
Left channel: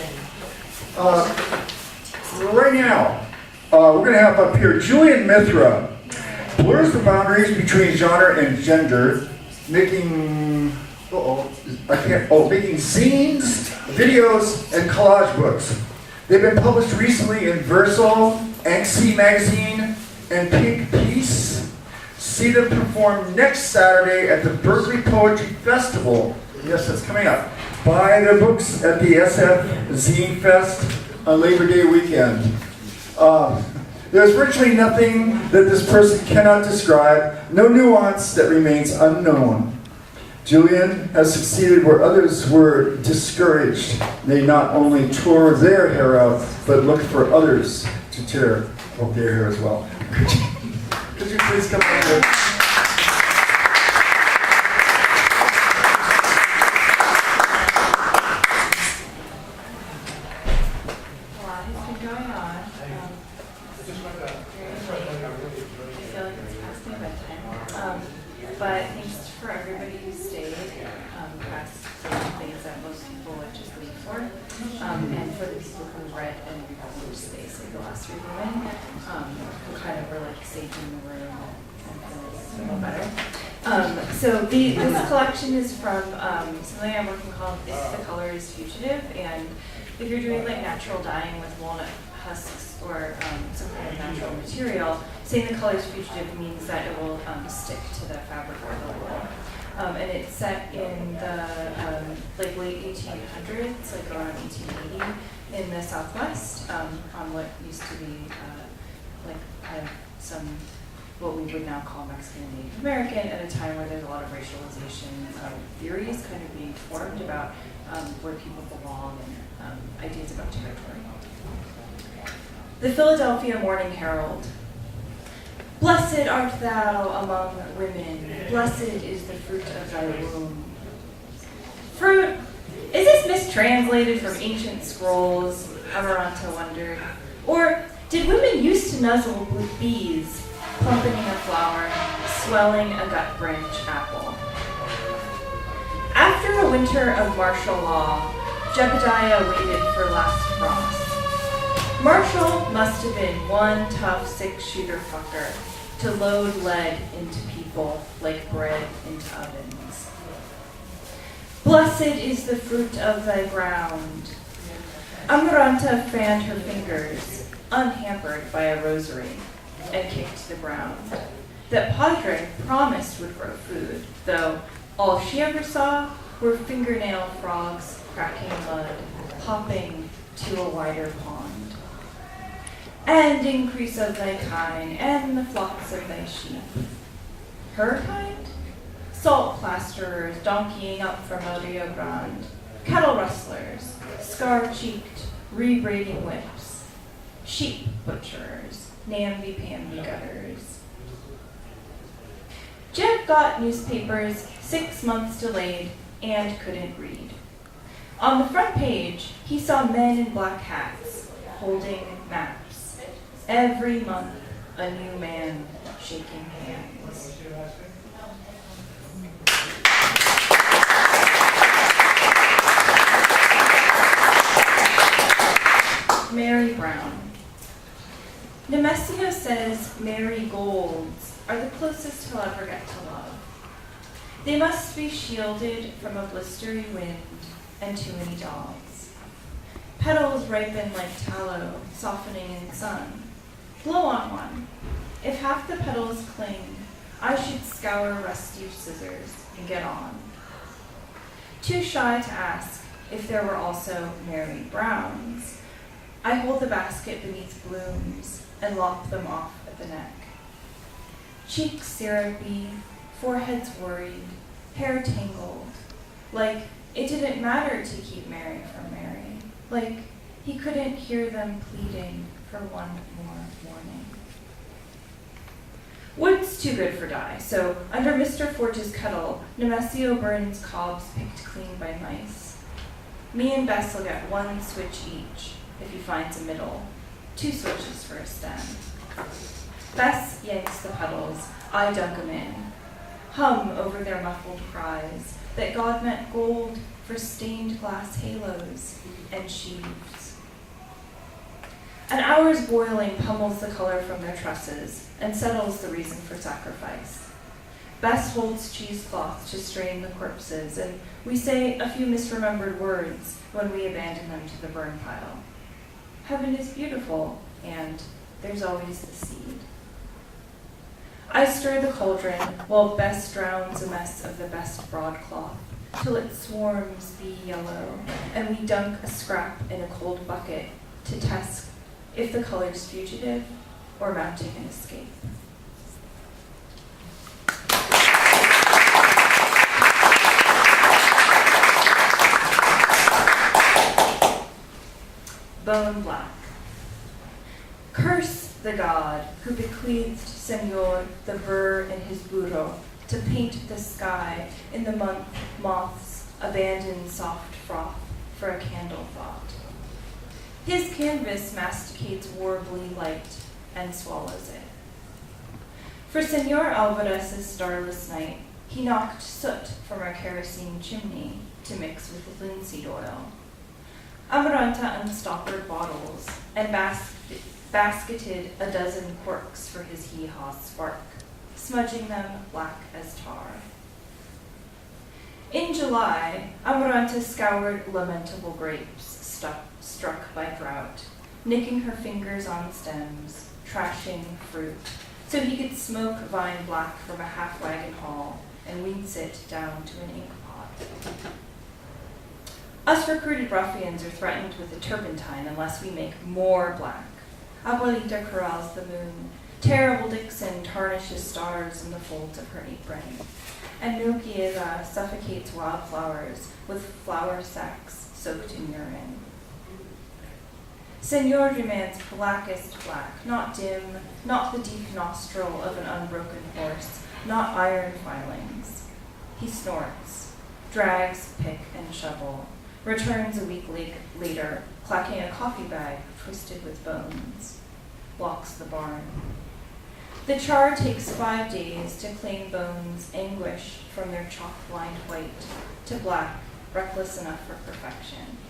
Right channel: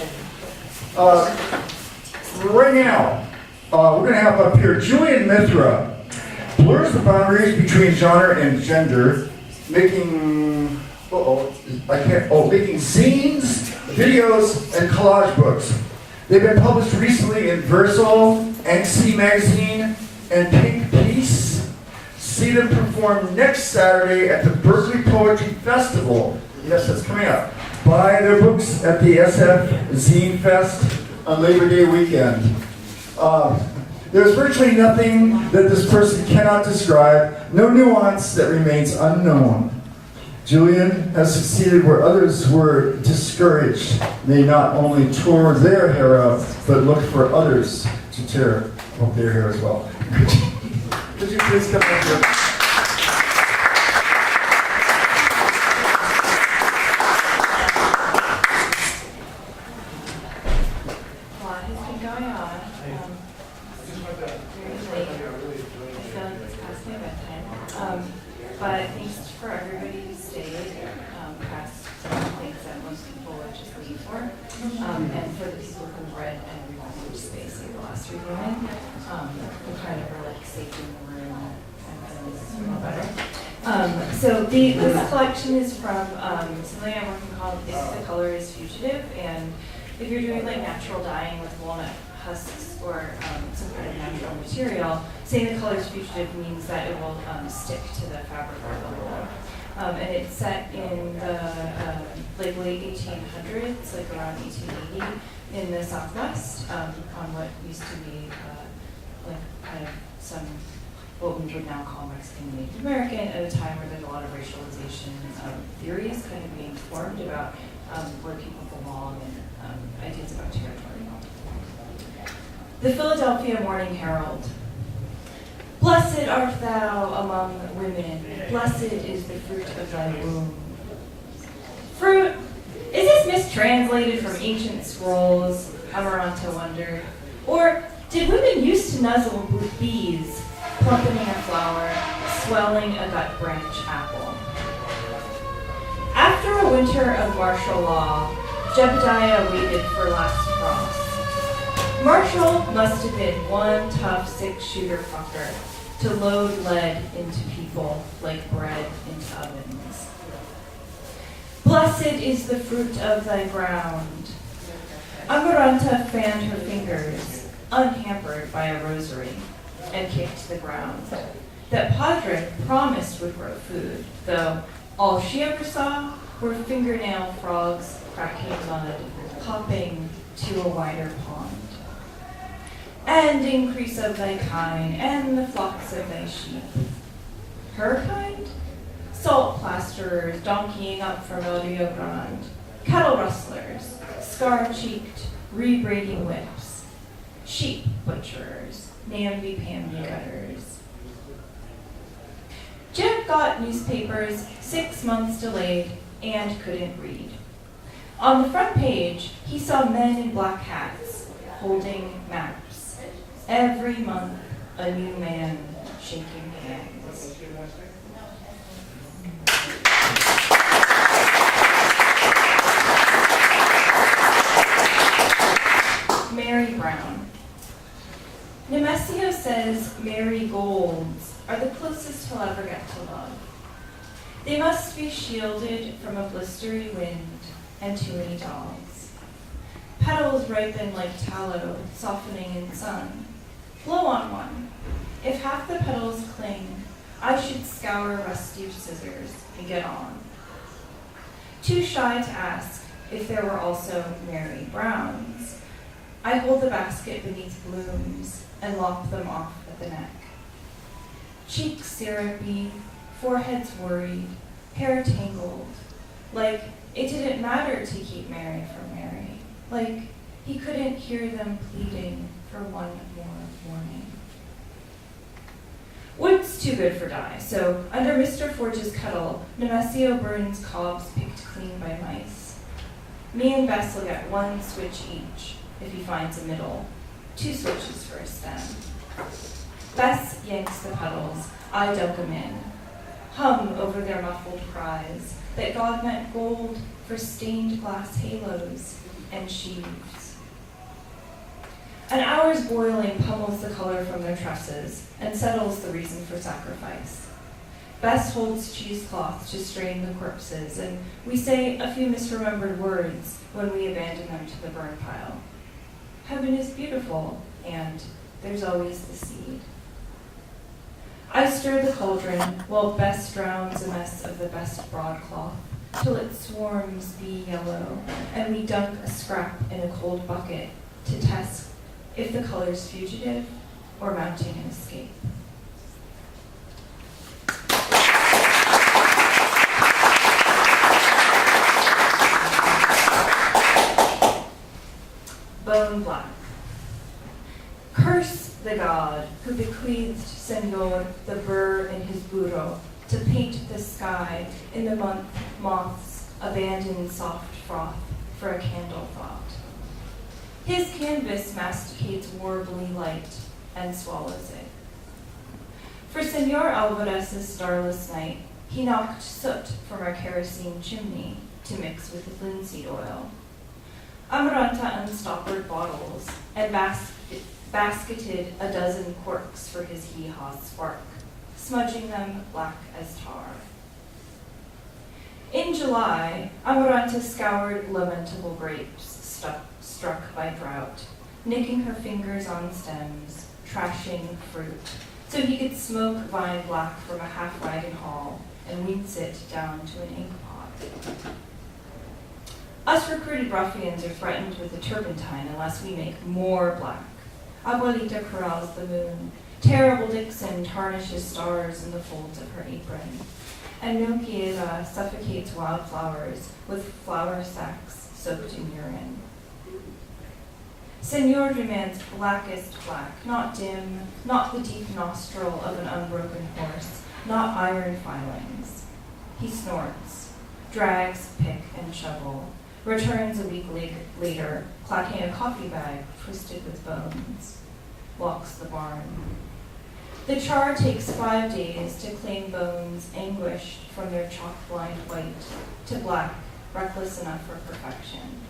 Right now, we're going to have up here Julian Mithra. Blurs the boundaries between genre and gender, making zines, videos, and collage books. They've been published recently in Versal, NC Magazine, and Pink Piece. See them perform next Saturday at the Berkeley Poetry Festival. Yes, that's coming up. Buy their books at the SF Zine Fest on Labor Day weekend. There's virtually nothing that this person cannot describe, no nuance that remains unknown. Julian has succeeded where others were discouraged. They not only tore their hair out, but looked for others to tear their hair as well. Could you please come up here? thanks for everybody who stayed past some of the things that most people would just leave for. And for the people who read and remembered space like the last reviewing, who kind of were like safe in the room. I feel a little better. So this collection is from something I'm working called If the Color is Fugitive. And if you're doing like natural dyeing with walnut husks or some kind of natural material, saying the color is fugitive means that it will stick to the fabric or the wool. And it's set in the like late 1800s, like around 1880, in the Southwest, on what used to be like kind of some what we would now call Mexican and Native American, at a time where there's a lot of racialization theories kind of being formed about where people belong and ideas about territory. The Philadelphia Morning Herald. Blessed art thou among women, blessed is the fruit of thy womb. Fruit? Is this mistranslated from ancient scrolls? Amaranta wondered. Or did women used to nuzzle with bees, plumpeting a flower, swelling a gut branch apple? After a winter of martial law, Jebediah waited for last frost. Marshall must have been one tough six-shooter fucker to load lead into people like bread into ovens. Blessed is the fruit of thy ground. Amaranta fanned her fingers, unhampered by a rosary, and kicked the ground. That Padre promised would grow food, though all she ever saw were fingernail frogs cracking mud, hopping to a wider pond. And increase of thy kine, and the flocks of thy sheep. Her kind? Salt plasterers donkeying up from El Rio Grande, cattle rustlers, scar-cheeked, rebraiding whips, sheep butchers, namby-pamby gutters. Jeb got newspapers 6 months delayed and couldn't read. On the front page, he saw men in black hats holding maps. Every month, a new man shaking hands. Mary Brown. Nemesio says marigolds are the closest he'll ever get to love. They must be shielded from a blistery wind and too many dogs. Petals ripen like tallow, softening in sun. Blow on one. If half the petals cling, I should scour rusty scissors and get on. Too shy to ask if there were also Mary Browns, I hold the basket beneath blooms and lop them off at the neck. Cheeks syrupy, foreheads worried, hair tangled, like it didn't matter to keep Mary from Mary, like he couldn't hear them pleading for one more morning. Wood's too good for dye, so under Mr. Forge's kettle, Nemesio burns cobs picked clean by mice. Me and Bess will get one switch each, if he finds a middle, 2 switches for a stem. Bess yanks the petals, I dunk them in, hum over their muffled cries that God meant gold for stained glass halos and sheaves. An hour's boiling pummels the color from their tresses and settles the reason for sacrifice. Bess holds cheesecloth to strain the corpses, and we say a few misremembered words when we abandon them to the burn pile. Heaven is beautiful, and there's always the seed. I stir the cauldron while Bess drowns a mess of the best broadcloth till it swarms bee yellow, and we dunk a scrap in a cold bucket to test if the color's fugitive or mounting an escape. Bone black. Curse the god who bequeathed Senor the burr in his burro to paint the sky in the month moths abandon soft froth for a candle thought. His canvas masticates warbly light and swallows it. For Senor Alvarez's starless night, He knocked soot from our kerosene chimney to mix with linseed oil. Amaranta unstoppered bottles and basketed a dozen corks for his hee-haw spark, smudging them black as tar. In July, Amaranta scoured lamentable grapes struck by drought, nicking her fingers on stems, trashing fruit, so he could smoke vine black from a half-wagon haul and wince it down to an ink pot. Us recruited ruffians are threatened with a turpentine unless we make more black. Abuelita corrals the moon. Terrible Dixon tarnishes stars in the folds of her apron. And Milquiera suffocates wildflowers with flour sacks soaked in urine. Senor demands blackest black, not dim, not the deep nostril of an unbroken horse, not iron filings. He snorts, drags pick and shovel, returns a week later, clacking a coffee bag twisted with bones, walks the barn. The char takes 5 days to claim bones anguished from their chalk-blind white to black, reckless enough for perfection.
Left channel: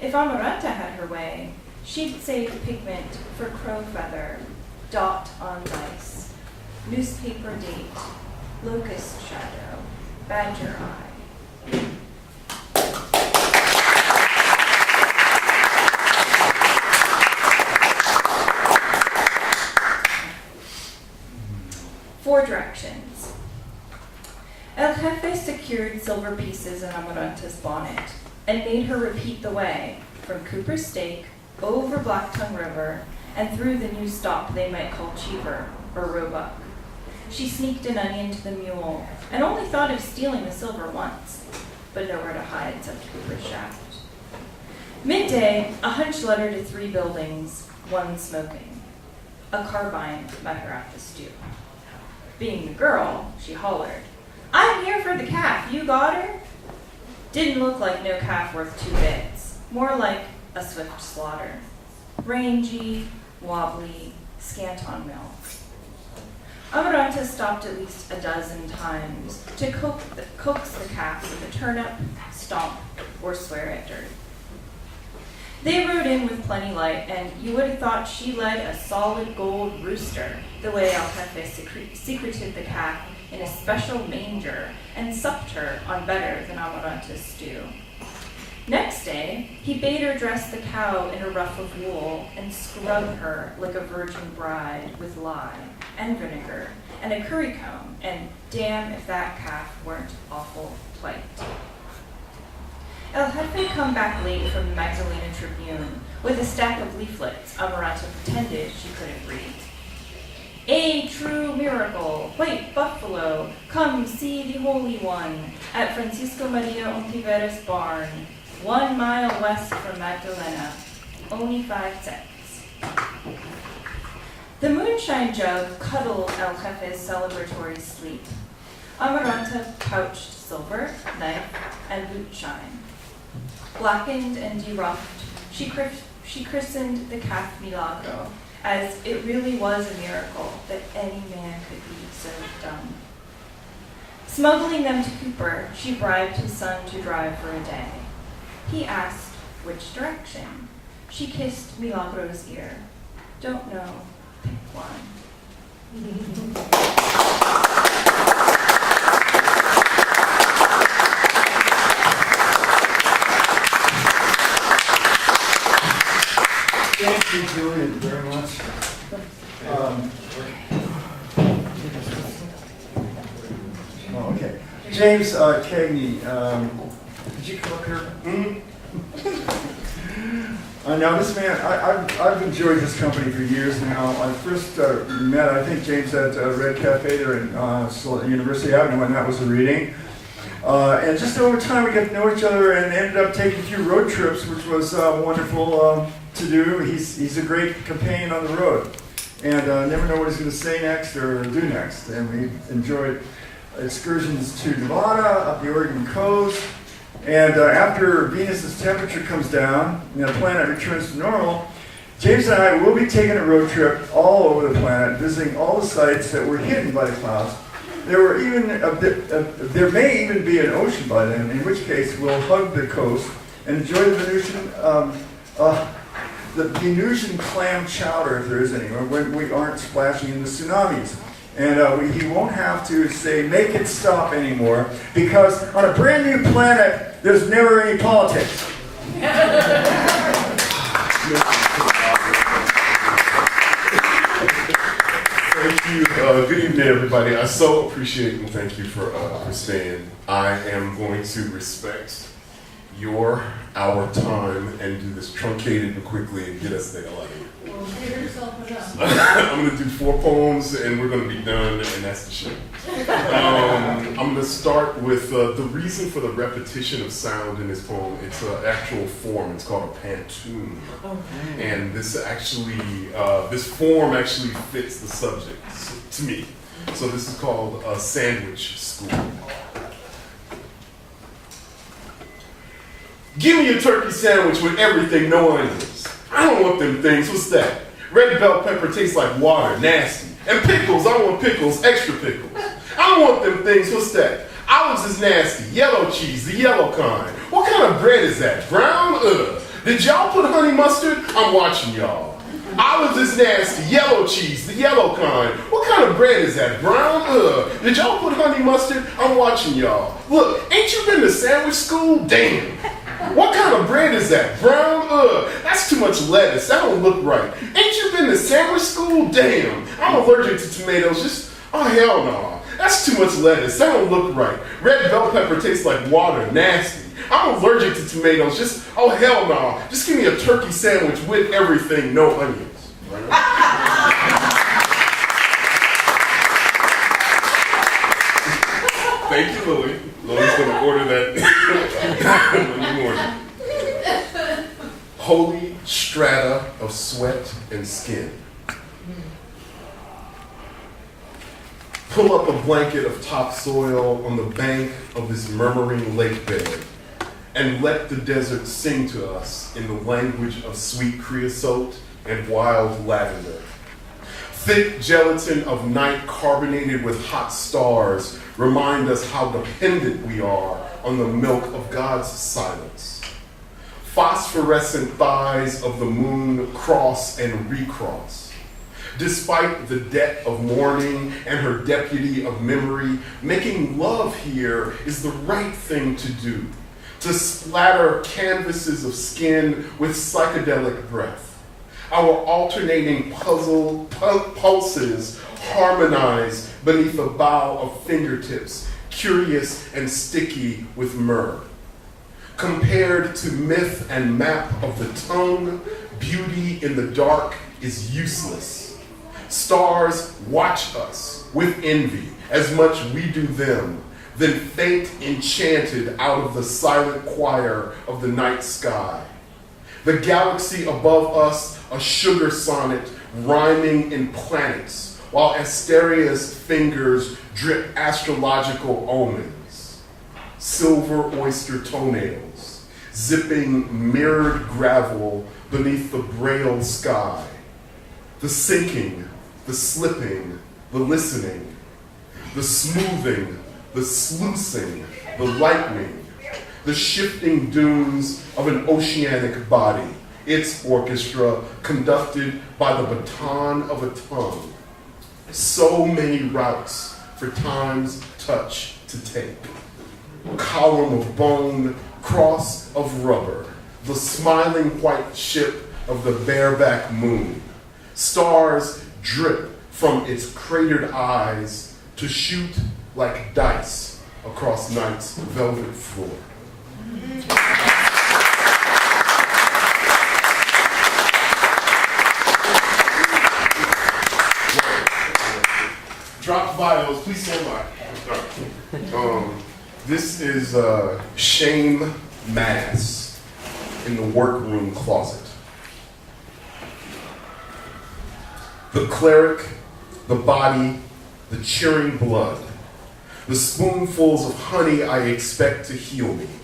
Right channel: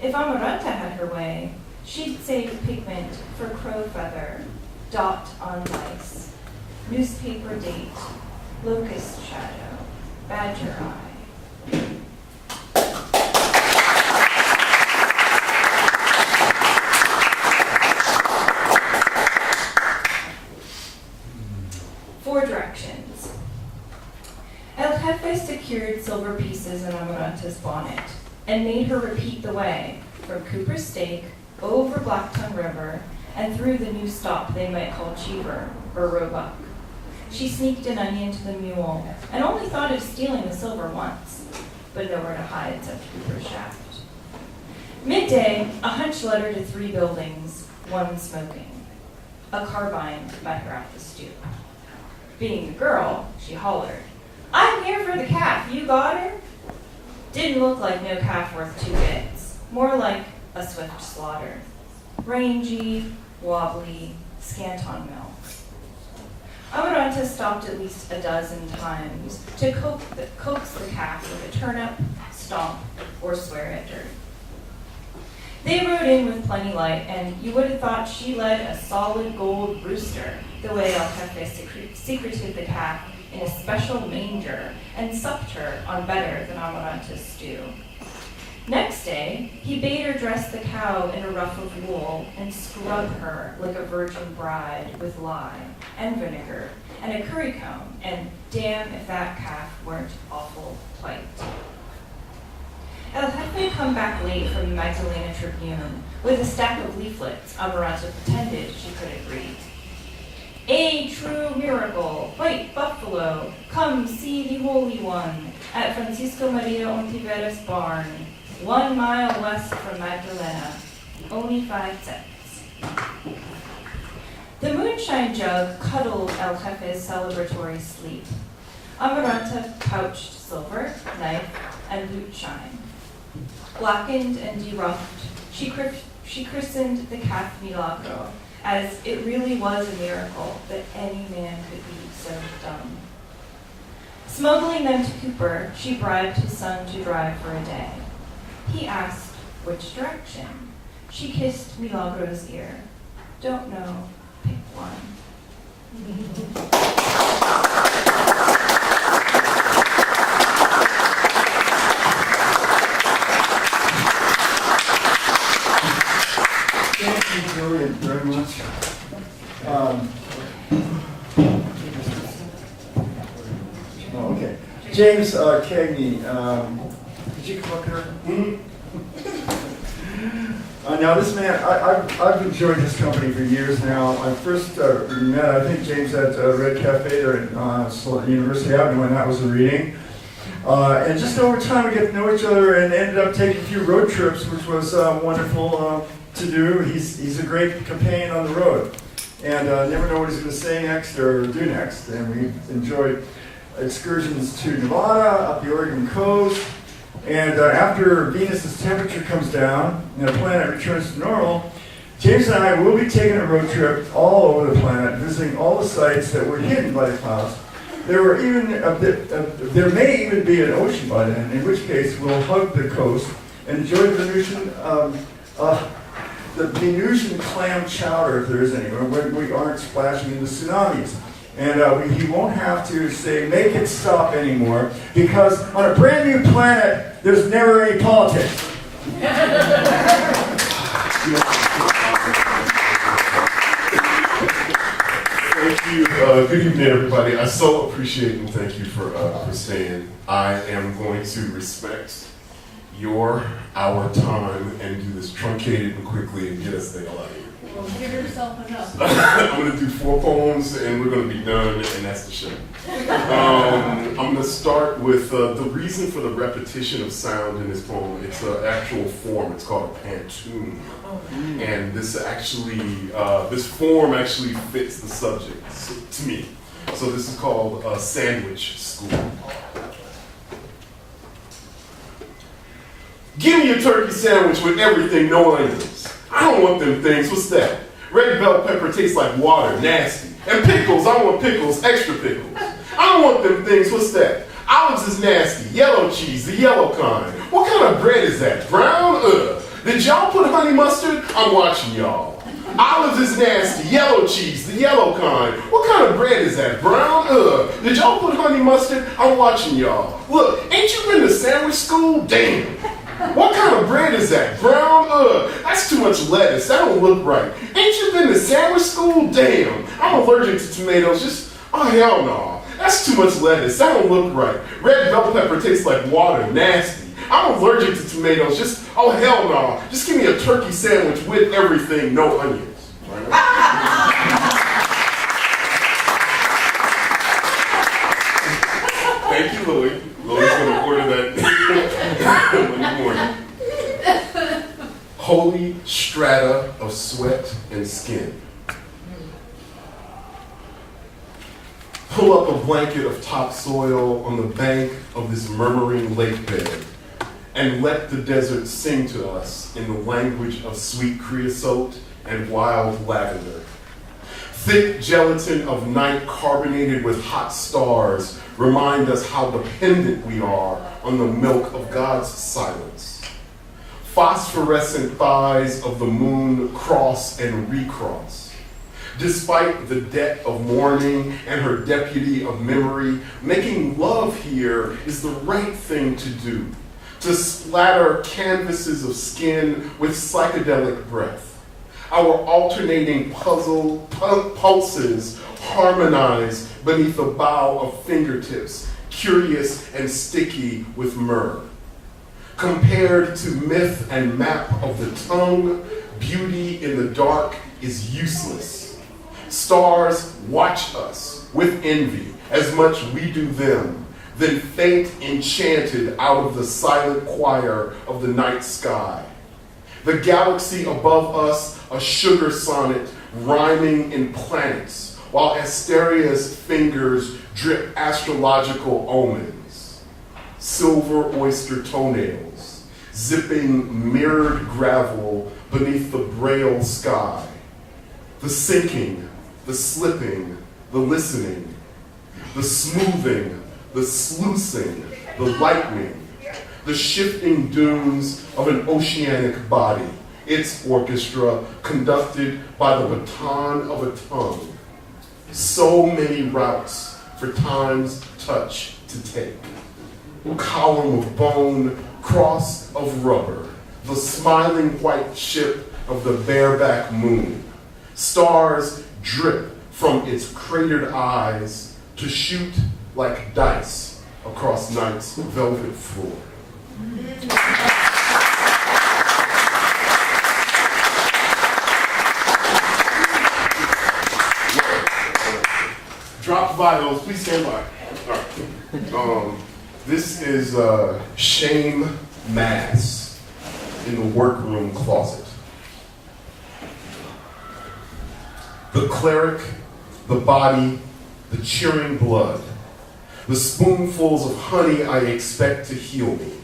If Amaranta had her way, she'd save pigment for crow feather, dot on lice, newspaper date, locust shadow, badger eye. Four directions. El Jefe secured silver pieces in Amaranta's bonnet and made her repeat the way from Cooper's Stake, over Blacktongue River, and through the new stop they might call Cheever or Roebuck. She sneaked an onion to the mule and only thought of stealing the silver once, but nowhere to hide except Cooper's shaft. Midday, a hunched letter to 3 buildings, 1 smoking. A carbine met her at the stoop. Being the girl, she hollered, "I'm here for the calf, you got her?" Didn't look like no calf worth 2 bits, more like a swift slaughter. Rangy, wobbly, scant on milk. Amaranta stopped at least a dozen times to coax the calf with a turnip, stomp, or swear at dirt. They rode in with plenty light, and you would have thought she led a solid gold rooster, the way El Jefe secreted the calf in a special manger and supped her on better than Amaranta's stew. Next day, he bade her dress the cow in a ruff of wool and scrub her like a virgin bride with lye and vinegar and a currycomb, and damn if that calf weren't awful white. El Jefe come back late from the Magdalena Tribune with a stack of leaflets Amaranta pretended she couldn't read. A true miracle, white buffalo, come see the Holy One at Francisco Maria Ontiveros' barn, 1 mile west from Magdalena, only 5 cents. The moonshine jug cuddled El Jefe's celebratory sleep. Amaranta pouched silver, knife, and boot shine. Blackened and deruffed, she christened the calf Milagro, as it really was a miracle that any man could be so dumb. Smuggling them to Cooper, she bribed his son to drive for a day. He asked which direction. She kissed Milagro's ear. Don't know, pick one. Thank you, Julian, very much. Okay. James Cagney, did you come up here? Now this man, I've enjoyed this company for years now. I first met, I think, James at Red Cafe there in University Avenue when that was a reading. And just over time we got to know each other and ended up taking a few road trips, which was wonderful to do. He's a great companion on the road. And never know what he's going to say next or do next. And we enjoyed excursions to Nevada, up the Oregon coast. And after Venus's temperature comes down and the planet returns to normal, James and I will be taking a road trip all over the planet, visiting all the sites that were hidden by the clouds, there may even be an ocean by then, in which case we'll hug the coast and enjoy the Venusian clam chowder, if there is any, when we aren't splashing into tsunamis. And he won't have to say, make it stop anymore, because on a brand new planet, there's never any politics. Thank you. Good evening, everybody. I so appreciate and thank you for staying. I am going to respect our time and do this truncated and quickly and get us the hell out of here. Well, give yourself enough. I'm going to do 4 poems and we're going to be done, and that's the show. I'm going to start with the reason for the repetition of sound in this poem. It's an actual form. It's called a pantoum. And this form actually fits the subject to me. So this is called Sandwich School. Give me a turkey sandwich with everything, no onions. I don't want them things. What's that? Red bell pepper tastes like water, nasty. And pickles, I want pickles, extra pickles. I don't want them things. What's that? Olives is nasty. Yellow cheese, the yellow kind. What kind of bread is that? Brown? Ugh. Did y'all put honey mustard? I'm watching y'all. Olives is nasty. Yellow cheese, the yellow kind. What kind of bread is that? Brown? Ugh. Did y'all put honey mustard? I'm watching y'all. Look, ain't you been to sandwich school? Damn. What kind of bread is that? Brown? Ugh. That's too much lettuce. That don't look right. Ain't you been to sandwich school? Damn. I'm allergic to tomatoes. Oh, hell no. That's too much lettuce. That don't look right. Red bell pepper tastes like water. Nasty. I'm allergic to tomatoes. Oh, hell no. Just give me a turkey sandwich with everything, no onions. Thank you, Lily. Lily's going to order that in the morning. Holy strata of sweat and skin. Pull up a blanket of topsoil on the bank of this murmuring lake bed and let the desert sing to us in the language of sweet creosote and wild lavender. Thick gelatin of night carbonated with hot stars remind us how dependent we are on the milk of God's silence. Phosphorescent thighs of the moon cross and recross. Despite the debt of mourning and her deputy of memory, making love here is the right thing to do. To splatter canvases of skin with psychedelic breath. Our alternating pulses harmonize beneath a bow of fingertips, curious and sticky with myrrh. Compared to myth and map of the tongue, beauty in the dark is useless. Stars watch us with envy as much we do them, then faint enchanted out of the silent choir of the night sky. The galaxy above us, a sugar sonnet rhyming in planets, while Asteria's fingers drip astrological omens. Silver oyster toenails, zipping mirrored gravel beneath the braille sky. The sinking, the slipping, the listening, the smoothing, the sluicing, the lightning, the shifting dunes of an oceanic body, its orchestra conducted by the baton of a tongue. So many routes for time's touch to take. Column of bone, cross of rubber, the smiling white ship of the bareback moon. Stars drip from its cratered eyes to shoot like dice across night's velvet floor. Drop bios, please stand by. This is shame mass in the workroom closet. The cleric, the body, the cheering blood, the spoonfuls of honey I expect to heal me.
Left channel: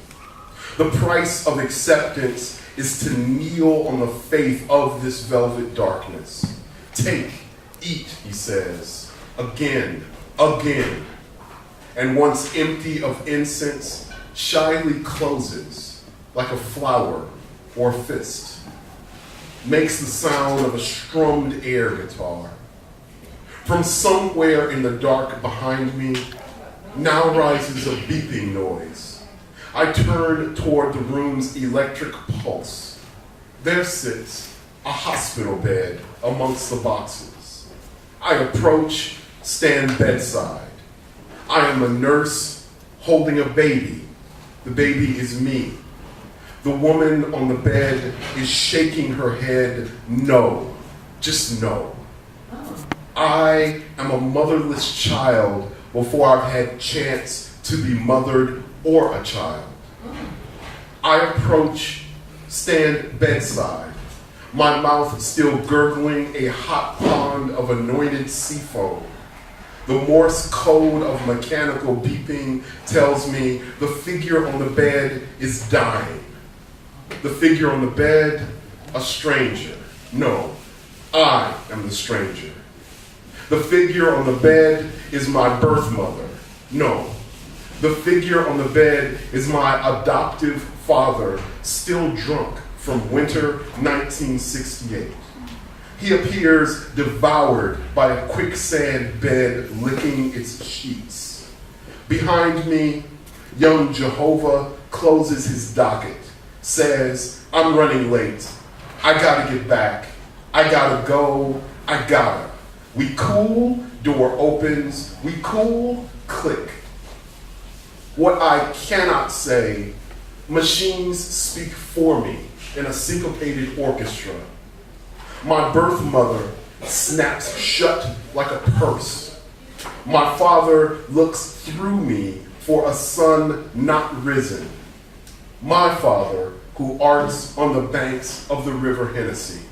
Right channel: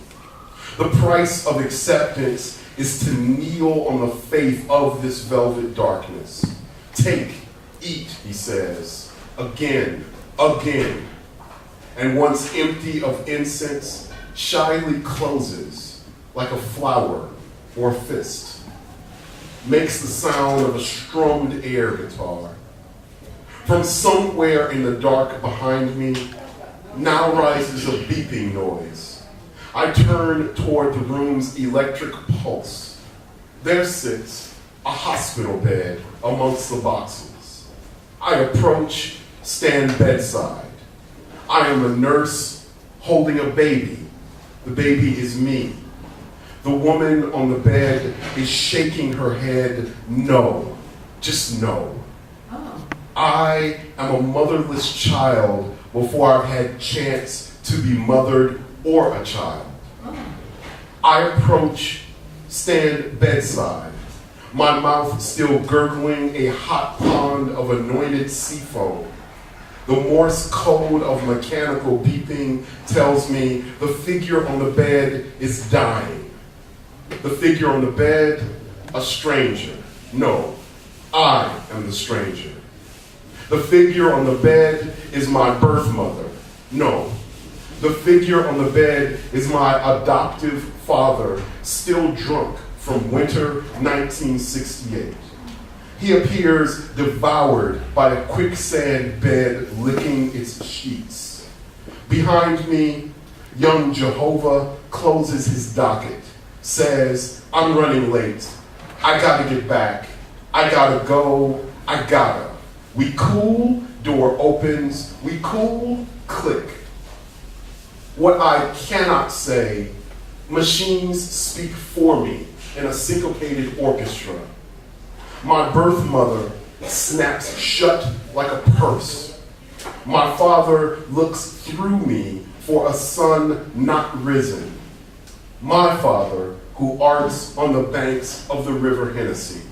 The price of acceptance is to kneel on the faith of this velvet darkness. Take, eat, he says, again, again. and once empty of incense, shyly closes like a flower or a fist. Makes the sound of a strummed air guitar. From somewhere in the dark behind me, now rises a beeping noise. I turn toward the room's electric pulse. There sits a hospital bed amongst the boxes. I approach, stand bedside. I am a nurse holding a baby. The baby is me. The woman on the bed is shaking her head, no, just no. I am a motherless child before I've had chance to be mothered or a child. I approach, stand bedside, my mouth still gurgling a hot pond of anointed sea foam. The Morse code of mechanical beeping tells me the figure on the bed is dying. The figure on the bed, a stranger. No, I am the stranger. The figure on the bed is my birth mother. No, the figure on the bed is my adoptive father, still drunk from winter 1968. He appears devoured by a quicksand bed licking its sheets. Behind me, young Jehovah closes his docket, says, I'm running late. I gotta get back. I gotta go. I gotta. We cool, door opens. We cool, click. What I cannot say, machines speak for me in a syncopated orchestra. My birth mother snaps shut like a purse. My father looks through me for a sun not risen. My father who arts on the banks of the river Hennessy.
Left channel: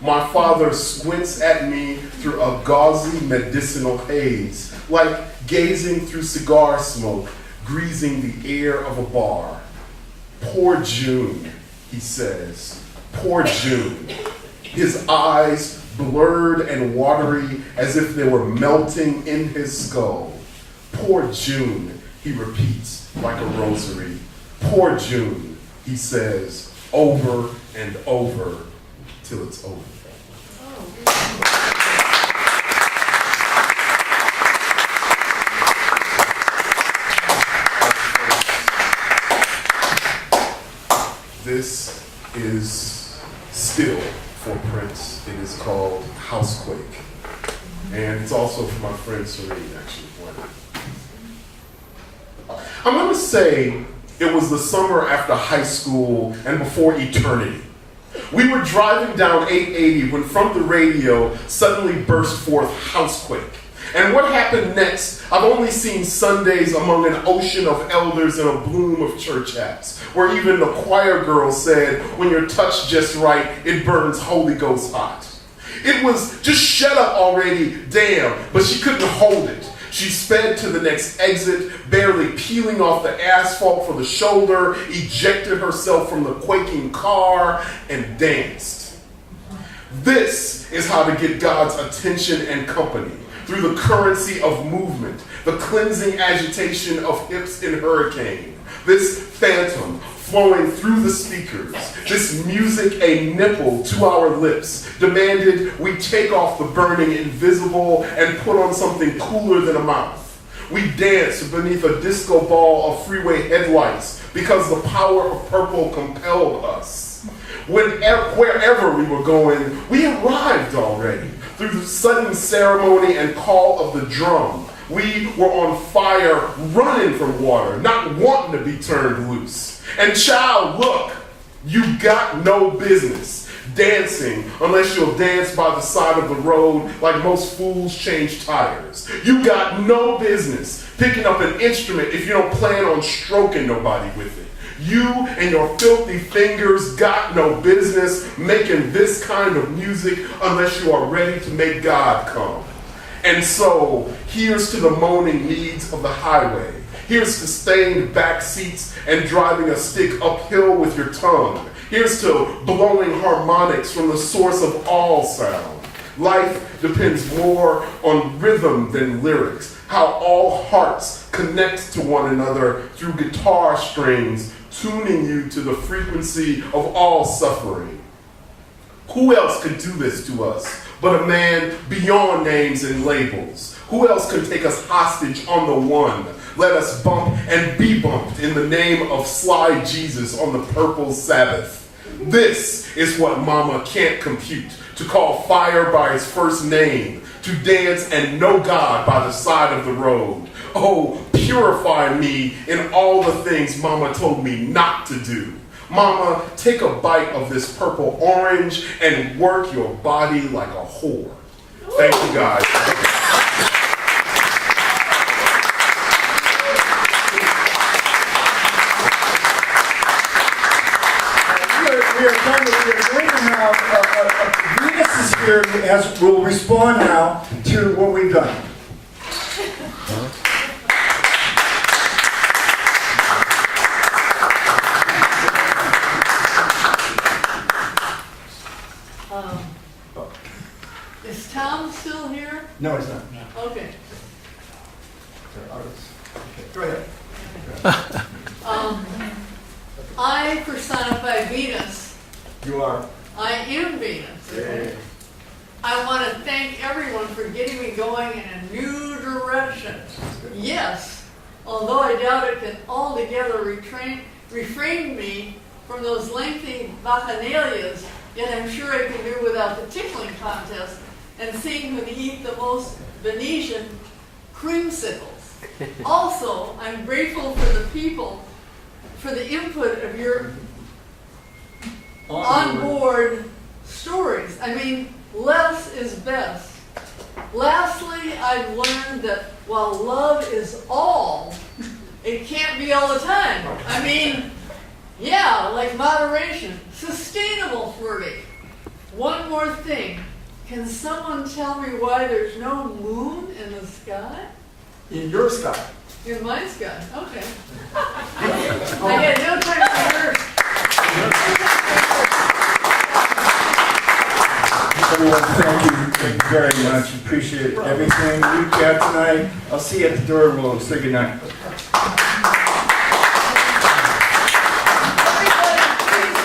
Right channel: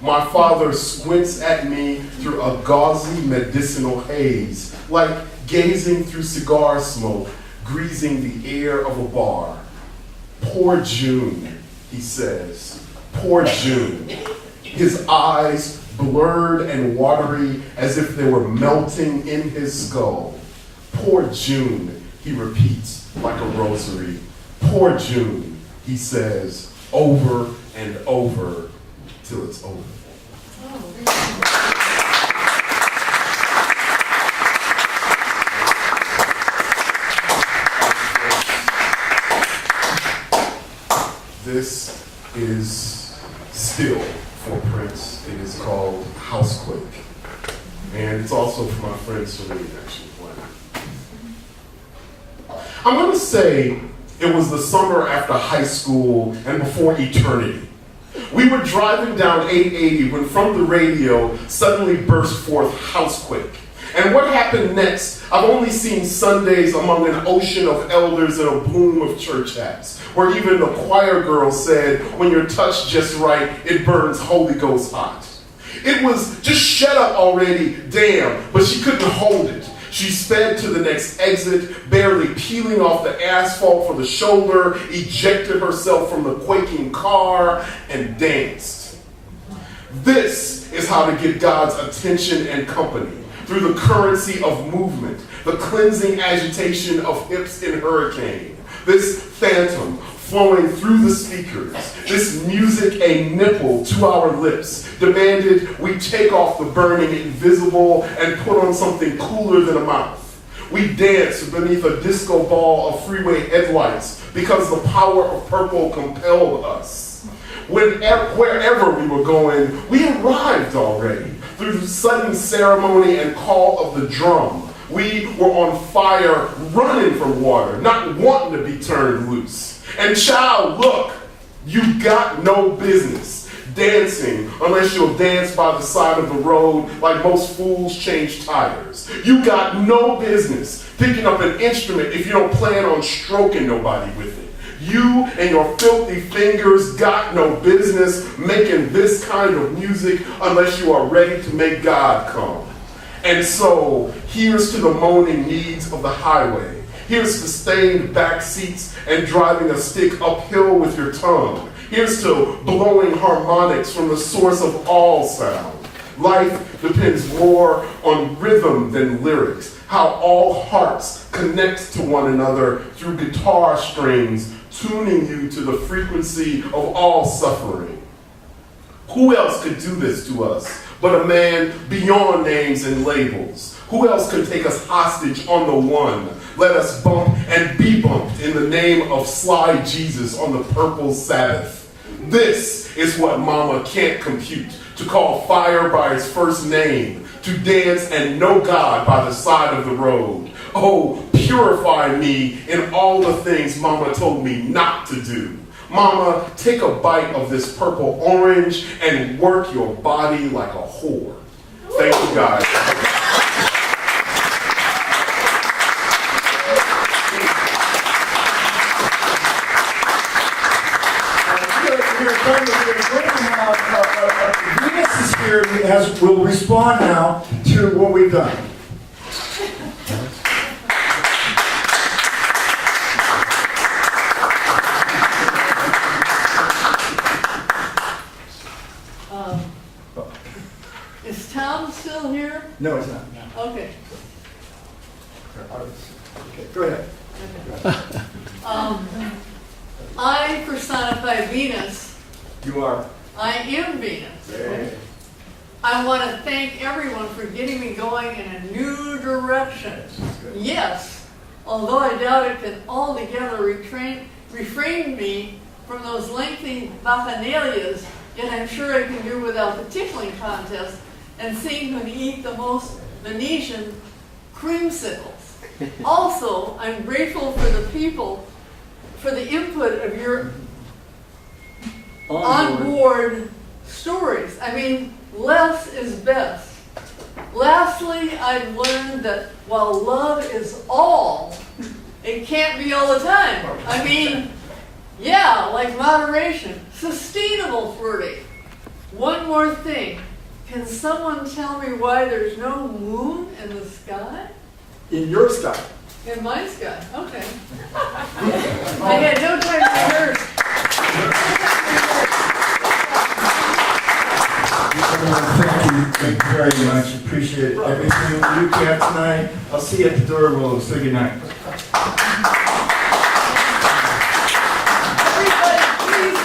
My father squints at me through a gauzy medicinal haze, like gazing through cigar smoke, greasing the air of a bar. Poor June, he says. Poor June. His eyes blurred and watery as if they were melting in his skull. Poor June, he repeats like a rosary. Poor June, he says, over and over till it's over. This is still for Prince. It is called Housequake. And it's also for my friend Serene, actually. I'm going to say it was the summer after high school and before eternity. We were driving down 880 when from the radio suddenly burst forth Housequake. And what happened next, I've only seen Sundays among an ocean of elders and a bloom of church hats, where even the choir girl said, when you're touched just right, it burns Holy Ghost hot. It was just shut up already, damn, but she couldn't hold it. She sped to the next exit, barely peeling off the asphalt for the shoulder, ejected herself from the quaking car, and danced. This is how to get God's attention and company. Through the currency of movement, the cleansing agitation of hips in hurricane. This phantom flowing through the speakers, this music a nipple to our lips, demanded we take off the burning invisible and put on something cooler than a mouth. We danced beneath a disco ball of freeway headlights because the power of purple compelled us. Wherever we were going, we arrived already. Through the sudden ceremony and call of the drum, we were on fire, running from water, not wanting to be turned loose. And child, look, you got no business dancing unless you'll dance by the side of the road like most fools change tires. You got no business picking up an instrument if you don't plan on stroking nobody with it. You and your filthy fingers got no business making this kind of music unless you are ready to make God come. And so, here's to the moaning needs of the highway. Here's to stained back seats and driving a stick uphill with your tongue. Here's to blowing harmonics from the source of all sound. Life depends more on rhythm than lyrics. how all hearts connect to one another through guitar strings, tuning you to the frequency of all suffering. Who else could do this to us but a man beyond names and labels? Who else could take us hostage on the one? Let us bump and be bumped in the name of Sly Jesus on the purple Sabbath. This is what Mama can't compute. To call fire by its first name. To dance and know God by the side of the road. Oh, purify me in all the things Mama told me not to do. Mama, take a bite of this purple orange and work your body like a whore. Thank you, guys. We are going to now. Venus is here as will respond now to what we've done. Is Tom still here? No, it's not. Okay. Okay, go ahead. I personify Venus. You are. I am Venus. Okay. I want to thank everyone for getting me going in a new direction. Yes, although I doubt it can altogether refrain me from those lengthy bacchanalias, yet I'm sure I can do without the tickling contest and seeing who can eat the most Venetian creamsicles. Also, I'm grateful for the people, for the input of your on-board stories. I mean, less is best. Lastly, I've learned that while love is all, it can't be all the time. I mean, yeah, like moderation, sustainable flirting. One more thing. Can someone tell me why there's no moon in the sky? In your sky. In my sky, okay. I get no time to rehearse. Everyone, thank you very much. Appreciate everything you got tonight. I'll see you at the door. We'll say goodnight. Everybody, please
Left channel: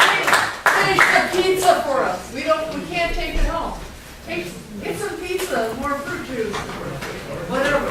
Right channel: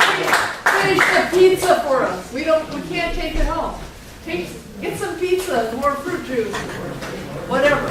finish the pizza for us. We can't take it home. Get some pizza, more fruit juice, whatever.